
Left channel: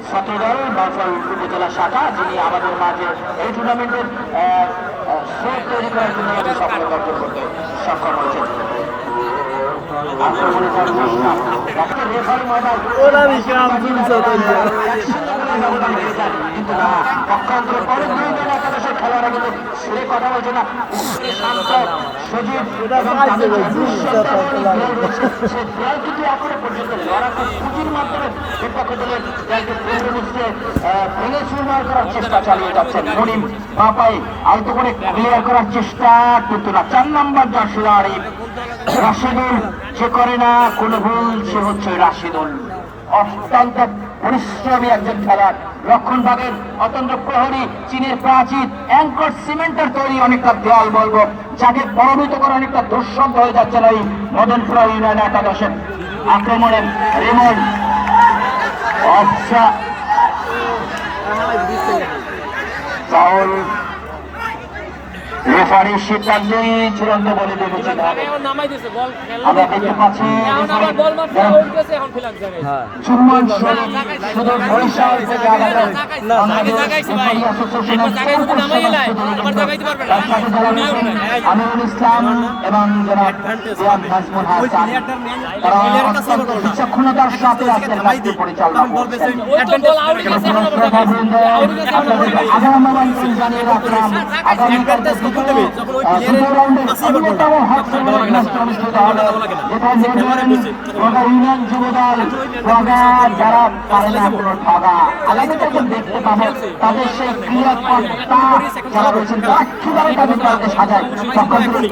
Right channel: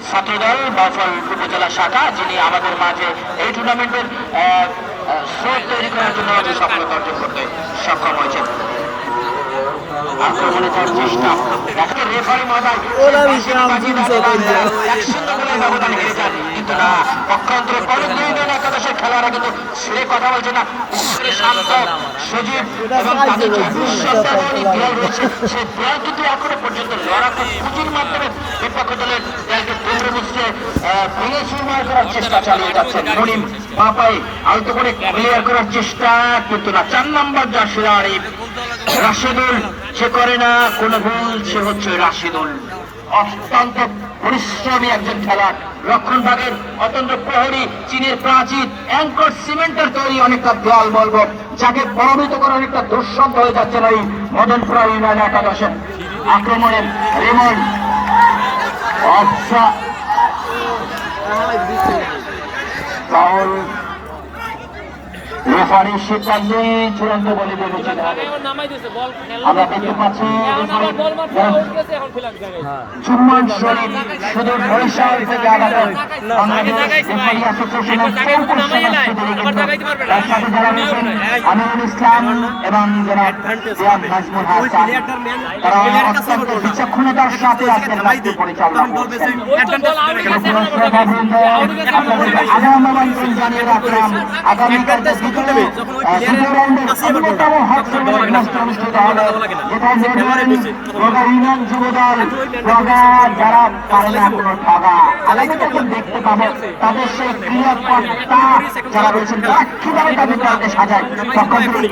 ছাত্রদল বাউফল উপজেলা শাখা, যিনি আমাদের মাঝে এই টুর্নামেন্টের স্রোত তৈরি করার জন্য সফলতা অর্জন করতে সক্ষম হয়েছেন। আক্রমণে যাওয়ার চেষ্টা, রেফারি মহোদয় ব্যবধান হয়ে যায়, কিন্তু না, পক্ষান্তরে পরের দুই দল একাদশের খেলোয়াড়রা কিন্তু ছেড়ে কথা বলছে না। সজীব এবং তাদের যে দেয়াল রয়েছে, সে দেয়াল কিন্তু এখনো পর্যন্ত লড়াকু পুঁজির মাধ্যমে বিপক্ষ দলের দেয়ালকে কেন্দ্র বুঝতে ভেঙে চুরমার করার চেষ্টা চালিয়ে যাচ্ছেন। মনিম পাপাই আলতো করে ক্লিয়ার করার চেষ্টা, কিন্তু না। 4 নম্বর জার্সির আরিফ রাশেদুল, সে করে না কোনো ভুল, সে হচ্ছে রাশেদুল। অত্যন্ত পরিশ্রমী একজন খেলোয়াড়, রক্ষণ ভাগের অত্যন্ত প্রহরী, চীনের প্রাচীর অ্যাঙ্কর সিমেন্টের তৈরি অনেকটা দেয়াল বলবো, যাকে প্রভাবিত করা অনেকটা দুঃসাধ্য হয়ে যাচ্ছে না এই মদনপুরা ইউনিয়ন একাদশের। আক্রমণের রেমন ফাউল, রেফারির সিদ্ধান্তই চূড়ান্ত বলে দিয়েছে। আমরা দেখতে পাচ্ছি চুম্বন শরীফ শুধু বরিশাল থেকে আমাদের বাংলাদেশ রেফারি অ্যাসোসিয়েশনের চৌকস সদস্য, তার সাথে যারা রয়েছেন আমিরুল ইসলাম এবং জনাব জিয়াদ নাজমুল হাসান, তারা অত্যন্ত বিচক্ষণতার সাথে আজকের ম্যাচটি পরিচালনা করছেন। আগামী জানিয়ে রাখলাম আগামীকাল দেখতে পাবো তাদের সেই ক্রিয়াকর্তা যারা রয়েছেন, তারা কিভাবে তাদের দলকে সাজায়।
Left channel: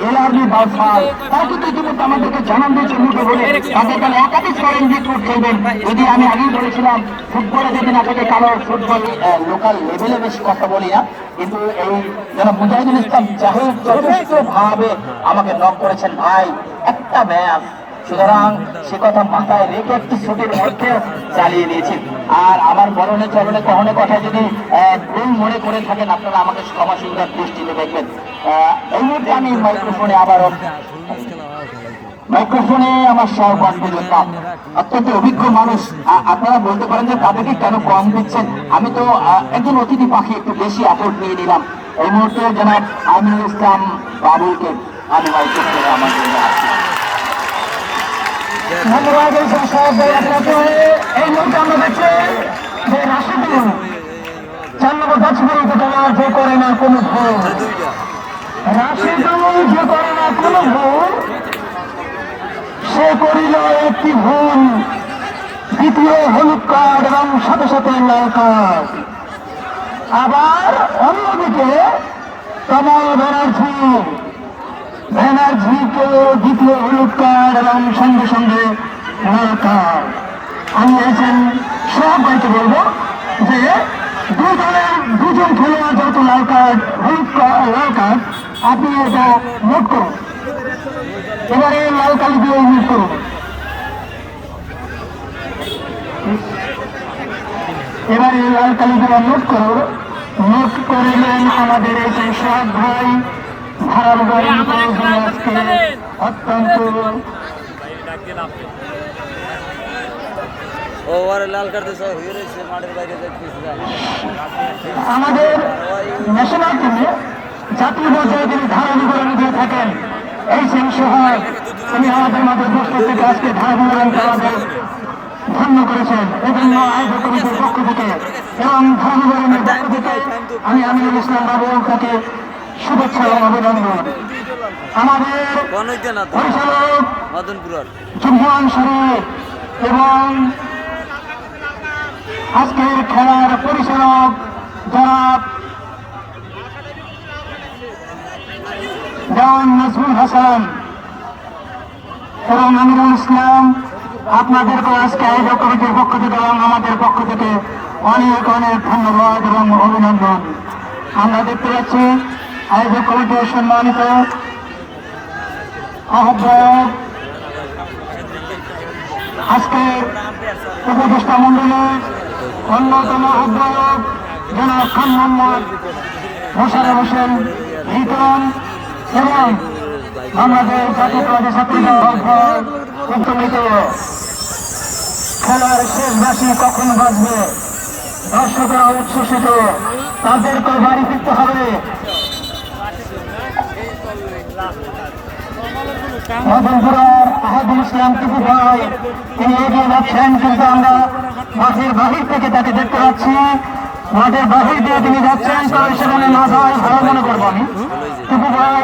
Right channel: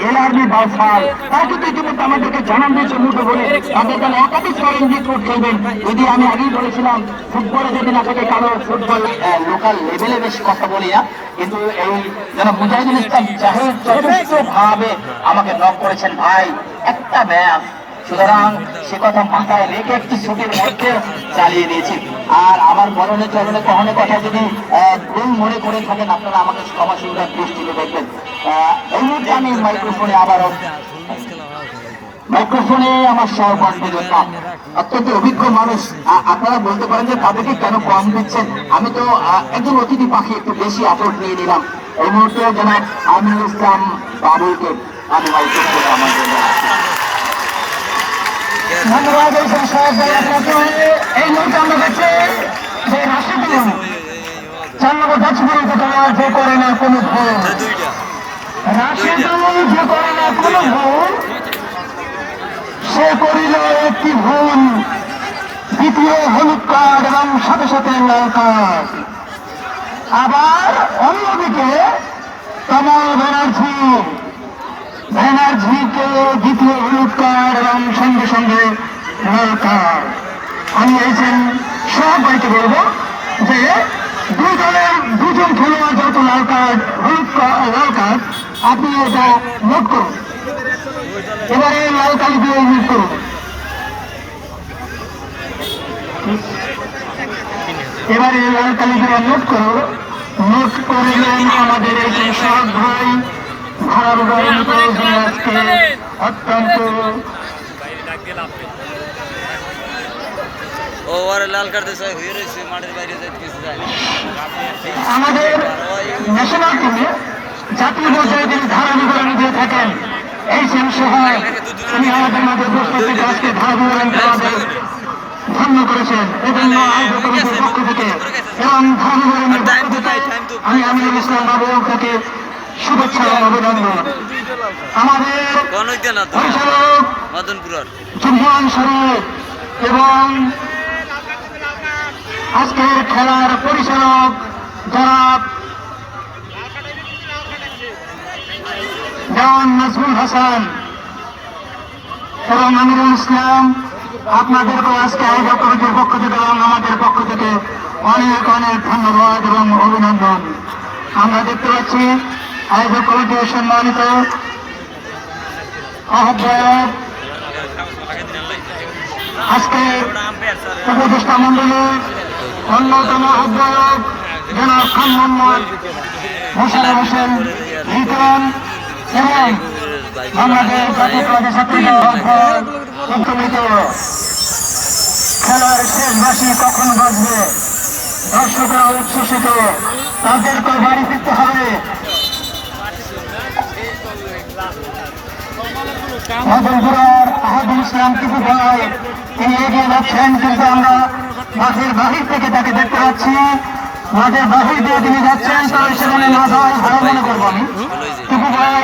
এলআরবি বাউফল তারা কিন্তু ইতিমধ্যে আমাদেরকে জানান দিয়েছে মুঠো বলে তাদের দলে একাধিক চ্যালেঞ্জ করছেন। যদি আমি আগেই বলেছিলাম ফুটবলে যদি না থাকে কারো ফুটবল লোকাল লেভেলে বেশি কথা বলি না, কিন্তু এই যারা মুজাহিদুল ইসলাম জাহিদ যথেষ্ট ভাবে আমাকে নক করেছেন, ভাই একটা ম্যাচ, সুতরাং সে কথা মাথায় রেখে একটি ছুটির মধ্যে চালিয়ে দিয়েছি। আর আমার বলনে চলনে কখনো কথা যদি ভুল মনে করে থাকেন, আপনারা আমাকে ক্ষমাশীলতার দৃষ্টিতে দেখবেন। এই মুহূর্তে আমি মাইক্রোফোনে আমার সহকর্মী অত্যন্ত অভিজ্ঞ মানুষ, আপনারা বলতে পারেন যে তাদেরকে কেন কম দিচ্ছেন। আমি তো একজন অতিথি পাখি, একটু বেশি আপলোড নিয়ে নিলাম। এই মুহূর্তে জনাব আমিরুল ইসলাম বাবুকে আমি মাইক্রোফোনে আমার জন্য ধন্যবাদ। এই মুহূর্তে আমরা দেখছি যে রাশিদুল 4 নম্বর গাছগুলো যে করে না কোনো ভুল, রাশিদুল যে করে না কোনো ভুল, সে করিল একটি ভুল, দ্বিতীয় হলুদ কার্ড এবং সাথে সাথে লাল কার্ড। আবার অন্যদিকে কমল ব্যানার্জিকে দ্বিতীয় হলুদ কার্ড এবং সঙ্গে সঙ্গে লাল কার্ড। আমি এসেছেন সবাইকে বলবো যে দুই দলের দুজন খেলোয়াড় যত লাল কার্ড লাল কার্ড আপনি এটা নোট করুন, এবারে লাল কালি দিয়ে নোট করুন। এবারে লাল কালি দিয়ে নোট করুন। নোট করলেন আমাদের এই সব ভাই ধারাবাহিক আজকে অত্যন্ত লাল কার্ড হয়ে রয়েছে মাঠের বাইরে আমাদের ন্যাশনাল টিমে জাতীয় পর্যায়ে তিনি ধারাবাহিক দিয়ে থাকেন। এই সহ তিনি আমাদের মাঝে উপস্থিত আজকে ধারাবাহিক ধন্য করেছেন এবং আয়োজক কমিটির পক্ষ থেকে এবং ধারাবাহিকের পক্ষ থেকে আমি আমিরুল ইসলাম বাবু তাকে শুভেচ্ছা এবং অভিনন্দন। আমাদের পরিচালক চুম্বন শরীফ এবং আজকের খেলার পরিচালক জনাব জিয়াদ নাজমুল হাসান এবং আমিরুল ইসলাম, আপনাদেরকে আজকে আয়োজক কমিটির পক্ষ থেকে এবং আমাদের পক্ষ থেকে অনেক অনেক ধন্যবাদ এবং অভিনন্দন। আমরা দেখতে পাচ্ছি আয়োজক কমিটির সম্মানিত আহ্বায়ক আজকে উপদেষ্টা মন্ডলীর অন্যতম আহ্বায়ক জনাব খান মোহাম্মদ মোশাররফ হোসেন রিটন এবং বাংলাদেশ জাতীয়তাবাদী ছাত্র দল খেলার শেষ বাঁশি কখন বাজবে, দর্শকরা উচ্ছ্বসিত, তাদেরকে বাড়ি ফিরতে হবে। মদনপুরার আহাদুল ইসলাম টিপু ভাই তিনি এগিয়ে যাচ্ছেন, কিন্তু আমরা মাঠের বাহির থেকে তাকে দেখতে পাচ্ছি। মাঠের বাহির দিয়ে তিনি যাচ্ছেন, তাই সেখানে না যায় ভালো মনে করবেন। টিপু ভাই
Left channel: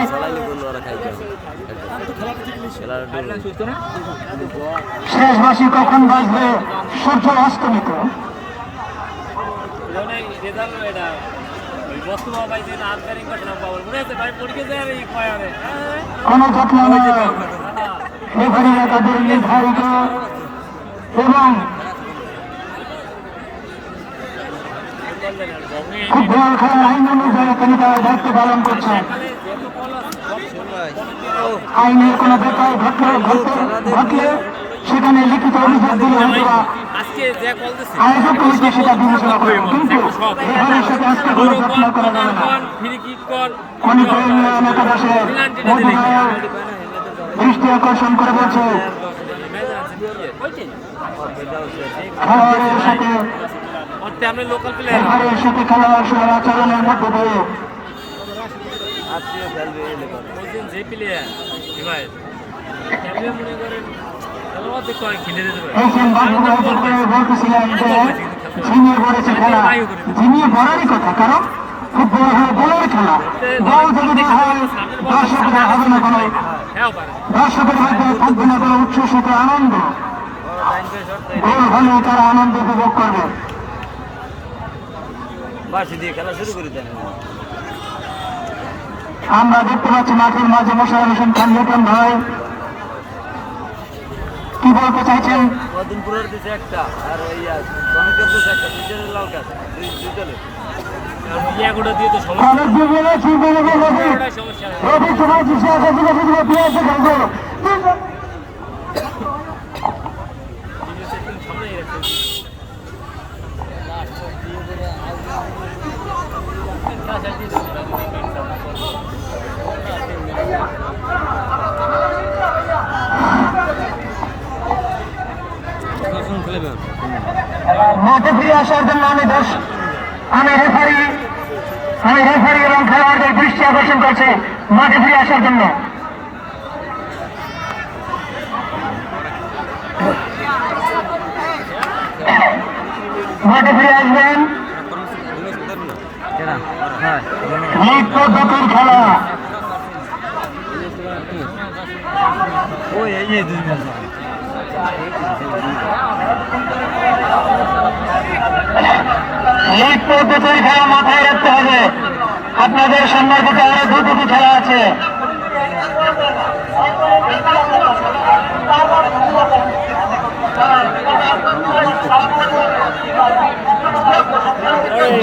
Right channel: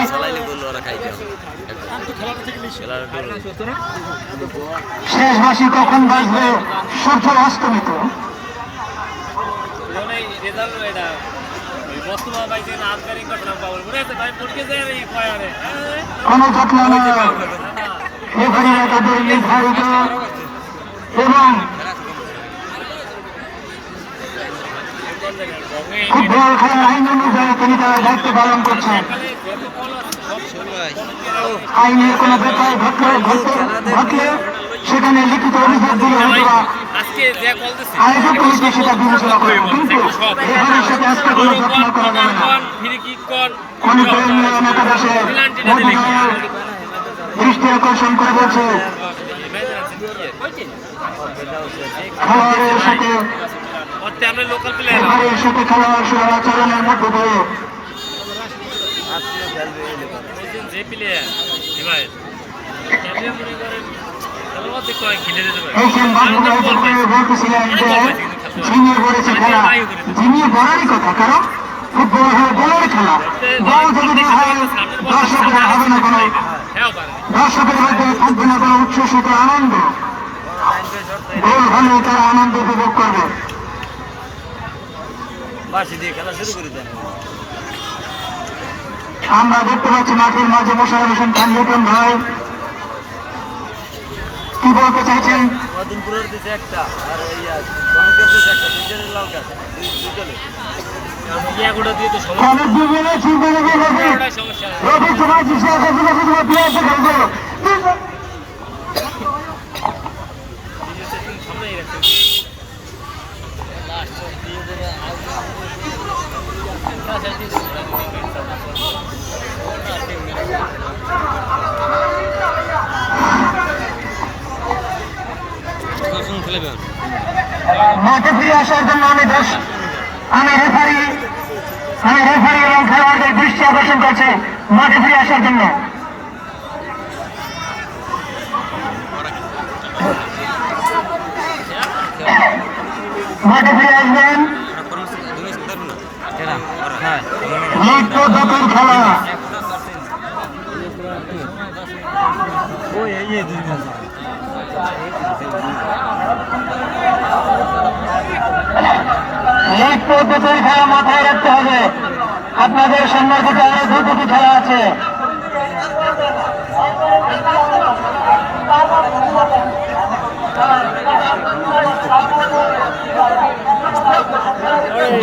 শেষ বাঁশি কখন বাজবে, সূর্য অস্তমিত। কোনো যত্ন নয়, এখানে তাদের নির্ধারিত এবং ফুটবল খেলার আইন অনুযায়ী তিনি তার দায়িত্ব পালন করছেন। আইনের কোনো ব্যাপার ঘটলে সেখানে লিখিত অভিযোগ দিলে হয়তো আয়োজক কমিটি সেটা বিবেচনা করবে, কিন্তু এখানে সেটা আজকে কোনো যত্ন করা যাবে না। এলাকাবাসীর দৃষ্টি আকর্ষণ করে বলছে খেলোয়াড়ের সাথে খেলোয়াড় সবার আচরণের মধ্য দিয়ে বলতেছিলেন যে ঝিমিয়ে পড়েছে খেলা, ঝিমিয়ে পড়ারই কথা, কারণ ফুটবল হলো গোলের খেলা। গোল যদি না হয় দর্শকরা হবে না, কোনো দর্শকের মধ্যে থাকবে না কোনো উচ্ছ্বসিত আনন্দ। গোল হলে তারা আনন্দ উপভোগ করবে। আমরা দেখতে পাচ্ছি মাঠের মাঝে মোশাররফ হোসেন খান লিটন ভাই কি বলতে চাইছেন? মাঠে ফিরে আসার জন্য আমি রেফারি এবং খেলোয়াড়দের দৃষ্টি আকর্ষণ করছি মাঠে ফিরে আসার জন্য। মাঠে ফিরে আসবেন। লিগ পদ্ধতির খেলা লিগ পদ্ধতির খেলা মাথায় রাখতে হবে। আপনাদের সামনের দিকে আরো দুটি খেলা আছে।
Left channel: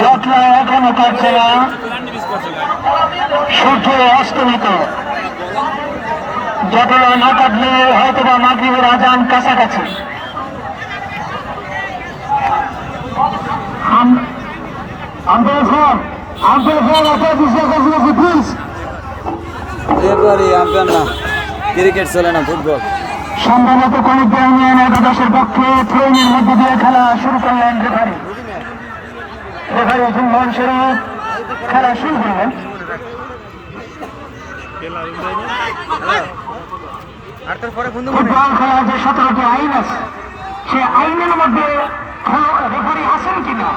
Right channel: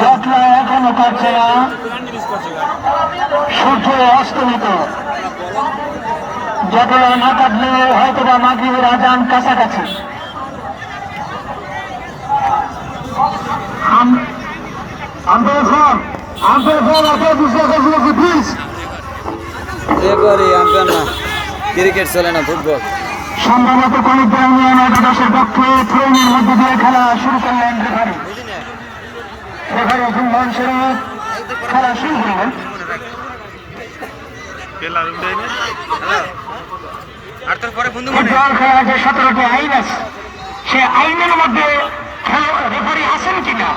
যত্ন এখনো কাটছে না, সূর্য অস্তমিত। যতলা না কাটলে হয়তো বা মাগরিবের আজান কাছাকাছি। ক্রিকেট চলে না, ফুটবল। সম্ভবত কলেজা ইউনিয়ন একাদশের পক্ষে ট্রেনের মধ্যে দিয়ে খেলা শুরু করলেন রেফারি জুম্মন শরীফ। খেলা শুরু করলেন। খেলার যে 17টি আইন আছে, সে আইনের মধ্যে রেফারি আছেন কিনা,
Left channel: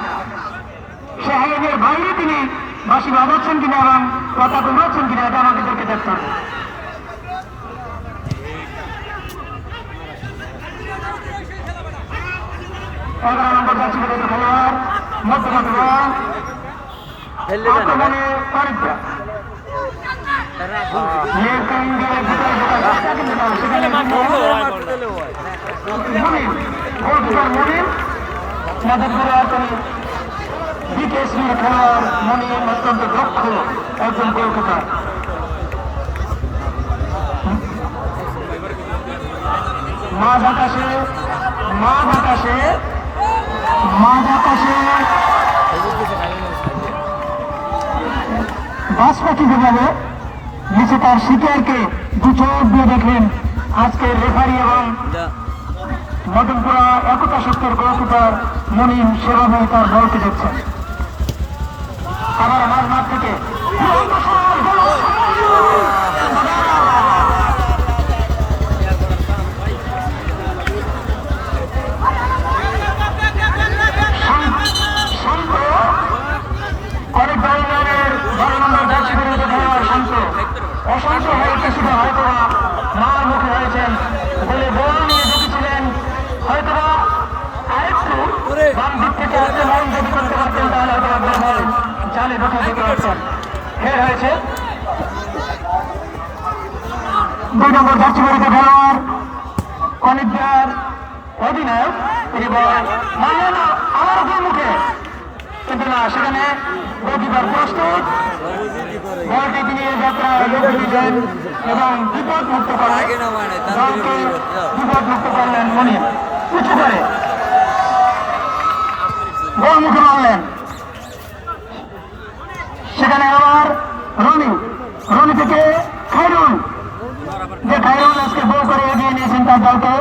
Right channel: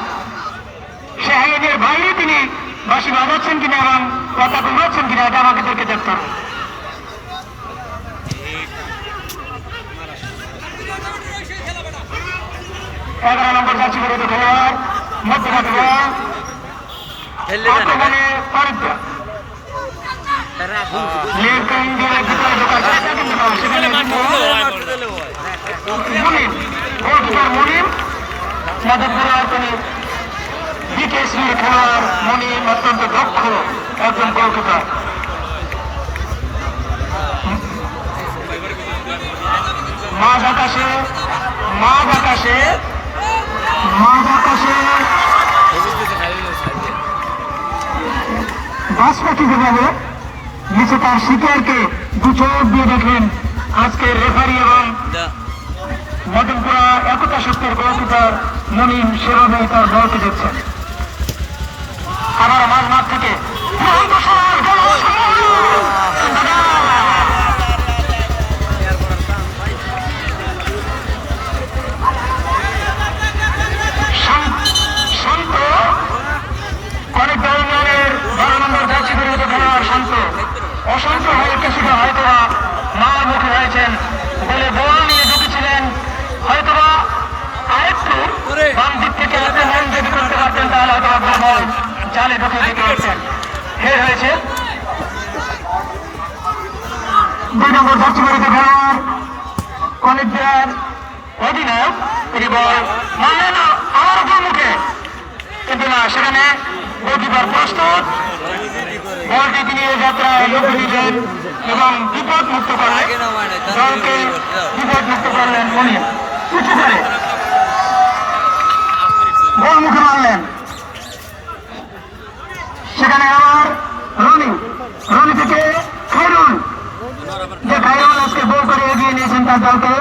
সে আইনের বাইরে তিনি বাঁশি বাজাচ্ছেন কিনা এবং কথা বলাচ্ছেন কিনা, এটা আমাদেরকে দেখতে হবে। অত্যন্ত দক্ষ একজন গোলকিপার। মাঝ আকাশে মাঝ আকাশে মাঝ আকাশে বাস পাখি যেভাবে নিচে তার শিকারকে দু চোখ দিয়ে দেখেন আজকের রেফারি এবং মদনপুরা একতা শক্তির গোলকিপার মুনিম সেভাবেই তার বলকে দিচ্ছেন। আবার মাঝ মাঠ থেকে শান্ত অনেক ধরনের 12 নম্বর জার্সি বিরুদ্ধে খেলোয়াড় শান্ত অশান্ত হয়ে কিছুটা হয়তোবা মার মুখে হয়েছেন বলে বল নিয়ে ঢুকেছিলেন, হয়তোবা আরেকটু বাম দিক থেকে আক্রমণ যদি করতে পারতেন তাহলে হয়তো আপনার বল জালে ঢোকা দিতে পারতেন। হের হয়েছে 2 নম্বর জার্সি বিরুদ্ধে খেলোয়াড় অনিকের অধিনায়ক এই বল মানল না আমার মুখে, কিন্তু না সেখানে গোলকিপার প্রস্তুত বলটি নিয়ে যাত্রায় লক্ষ্য দিলেন এবং বিপদ মুক্ত করায় দলকে বিপদ মুক্ত করলেন উনি উঁচু করে গোল মুখে মারলেন। সেখানে আবার রনি থেকে খায়রুল, যে খায়রুল আজকে গোল করে এগিয়ে নিয়েছেন তার দলকে,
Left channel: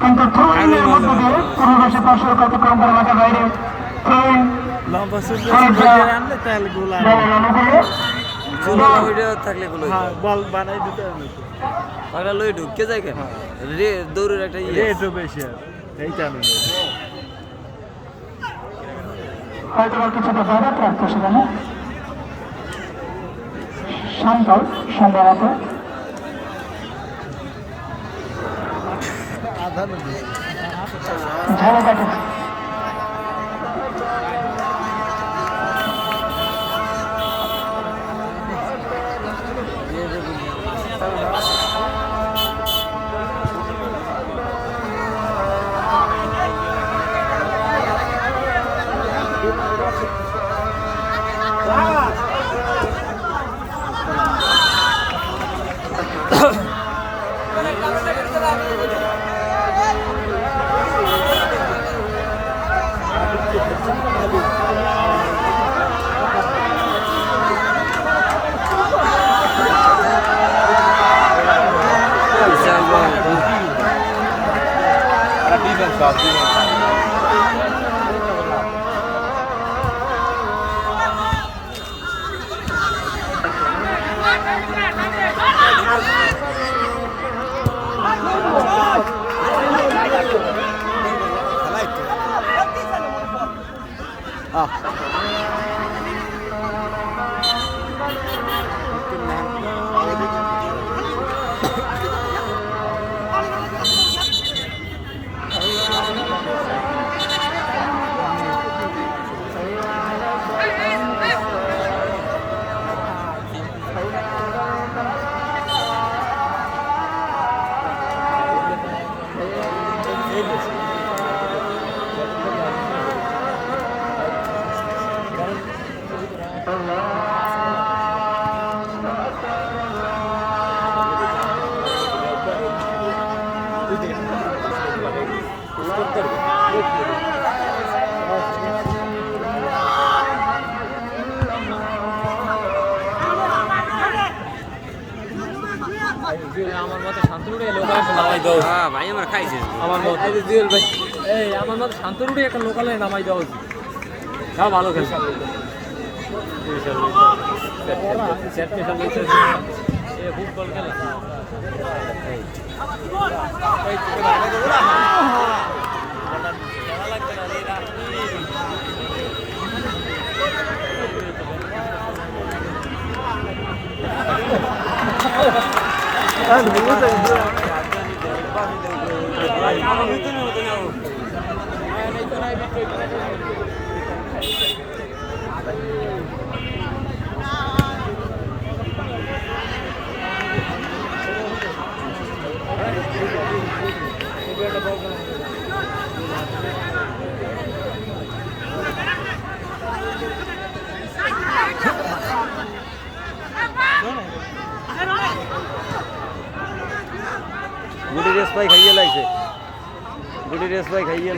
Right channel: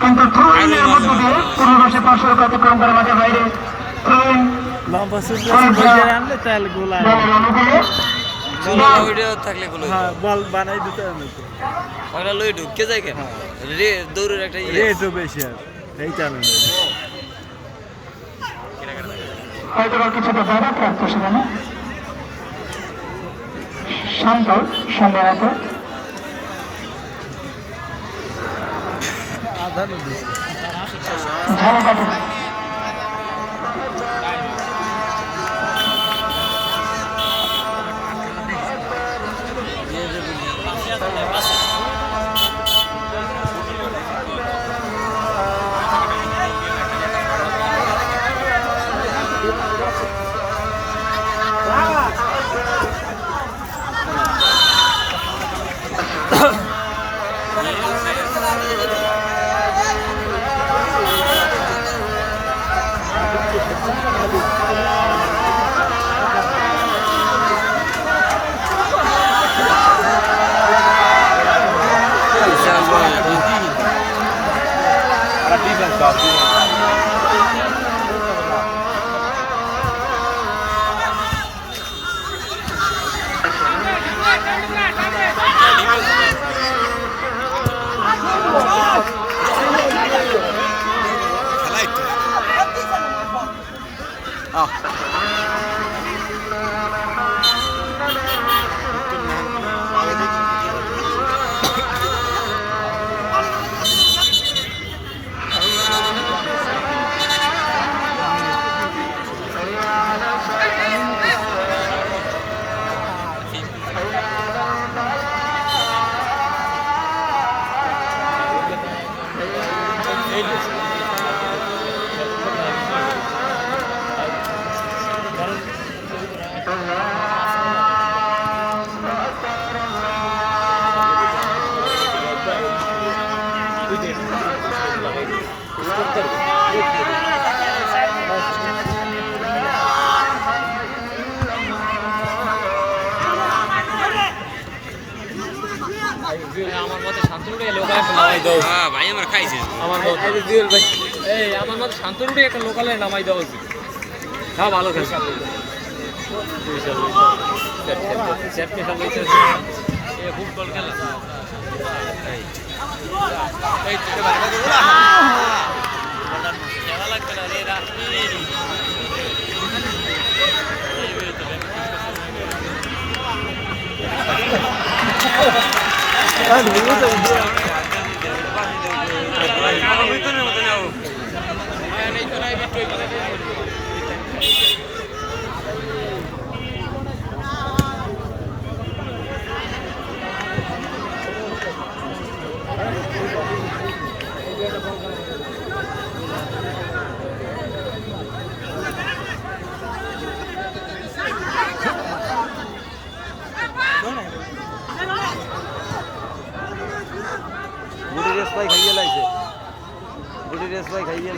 কিন্তু থ্রোইনের মধ্য দিয়ে পূর্ববর্ষে পার্শ্বক অতিক্রম করে মাঠের বাইরে থ্রোইন বল বানাই দিতে হবে লই ঢুকে যায় কেন রে দৌড়ের একটা রেটও বেশি আর এইটা নেই হয়তো কিছুটা ব্যাপক রাখতো সেখানে শান্ত সম্ভবত ঝাড়ু কাটা ভাই আমার খাইছে আমার মতো শান্তনুটি একটা লোকালে নামাই দেওয়া উচিত। হ্যাঁ ভালো খেলছে ফুটবল খেলা ভাই খাইয়ে লাগছে দুটি রেস ভাই খাইয়ে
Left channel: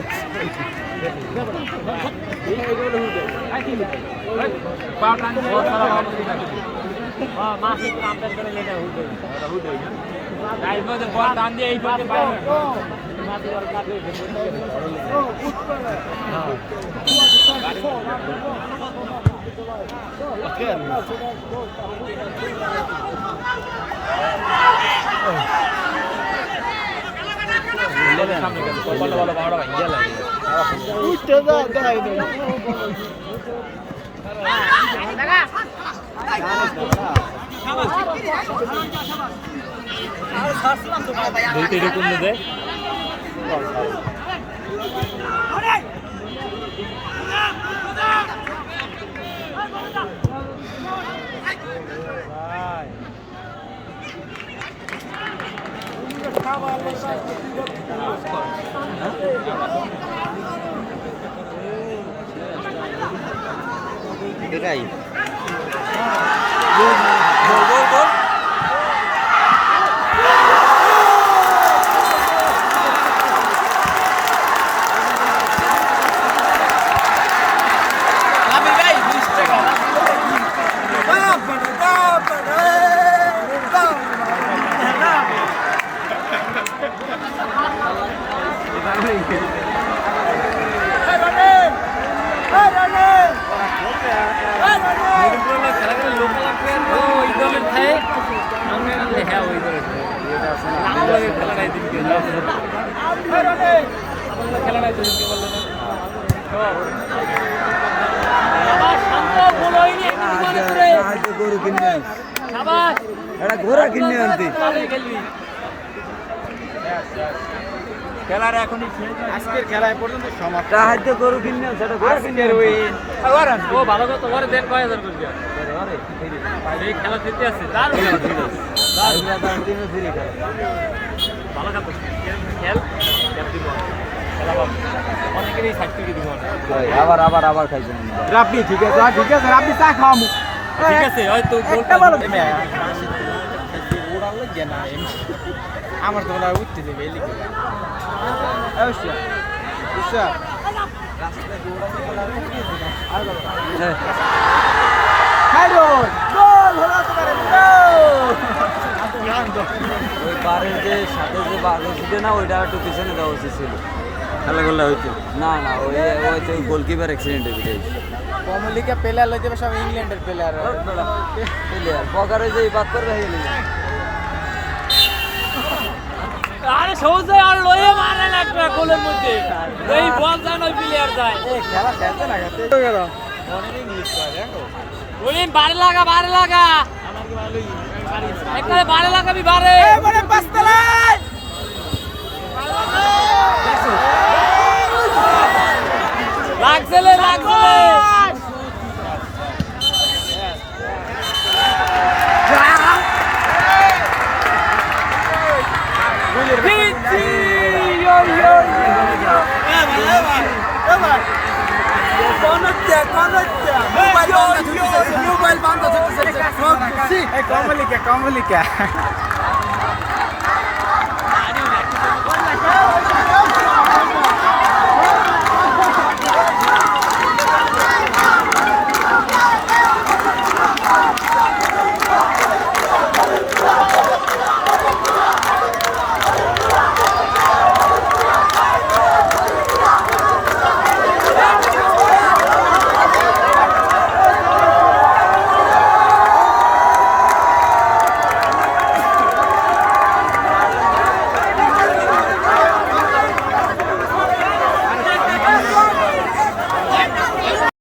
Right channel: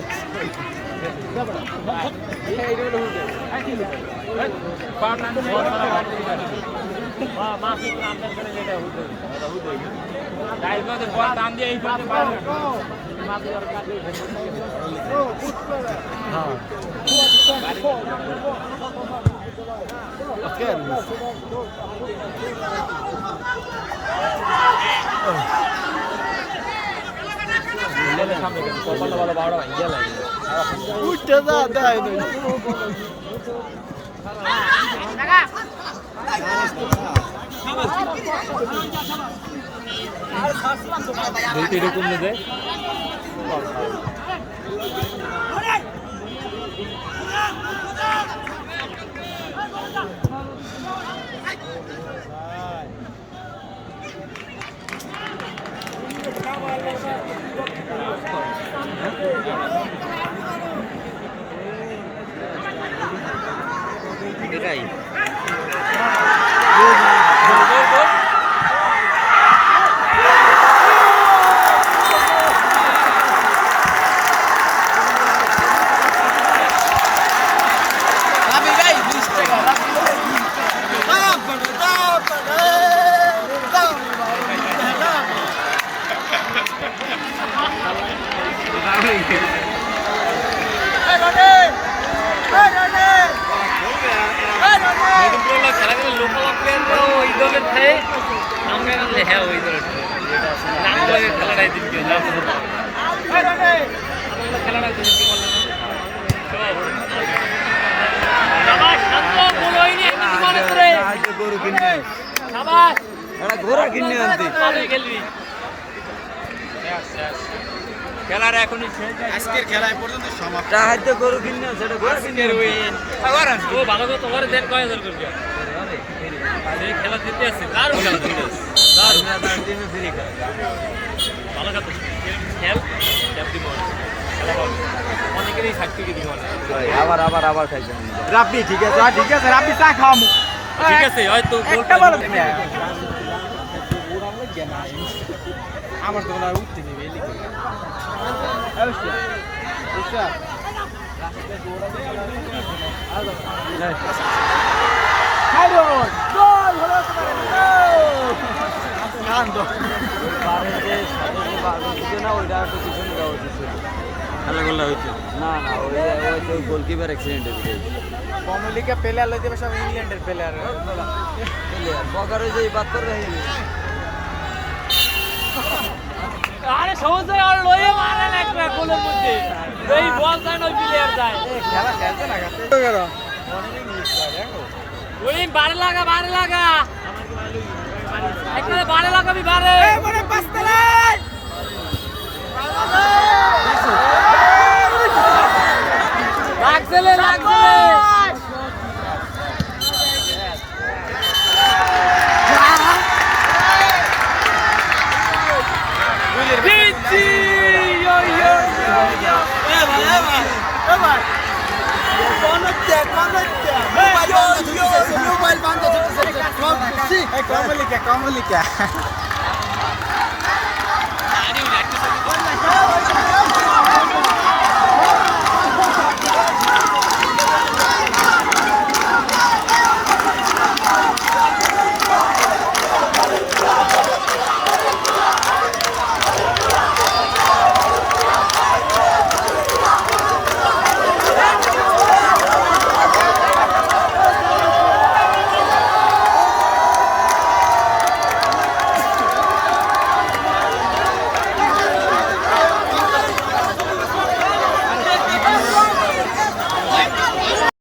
এটাই ঘোড়া কিনে আনতে খেলার এখন আজকের খেলা পর্যন্ত সমাপ্ত হাতে গরু কিনে সেটা ঘোড়া কিনে ওই ও ভালো কথা ওরে দেন 5000 করে দিয়া আরে এই খেলা জিততে আছে ভালো কথা খেল ক্যাপ্টেন অনেকেরই সার্টিফিকেট দিব আবার খাইছেন রাব্বি ঠিক আছে রাব্বি চা খাওয়ামু ঠিক আছে হয়তো আমার তো বলা উঠতে নেই এই লিখে অবশ্যই স্যার হ্যালো গোল হলো আনন্দ ওই কারের যে সাথে যে বাড়ি না ওইটা একটু পিছনে দেওয়া উচিত ছিল খেলা গোল হইতো না ওই গোলকিপার অ্যাক্সিডেন্ট হয়েছে কমলিকা প্লেয়ার লইতে সব ইংল্যান্ডের প্লেয়ার বগারে যে বাদ করে হইলো আরে সহজে আর লয়ে মারে না একটা গোলের মধ্যে এই বল জান ওই প্লেয়ার যায় এই খেলা খেলতে লাগাতে তো গেল মনে মিস করে ওলিম বারে লাগা একবারে বারে লাগাবি বারে এবারে পাঁচতলা লাগছে মোবাইল বন্ধ কমলিকা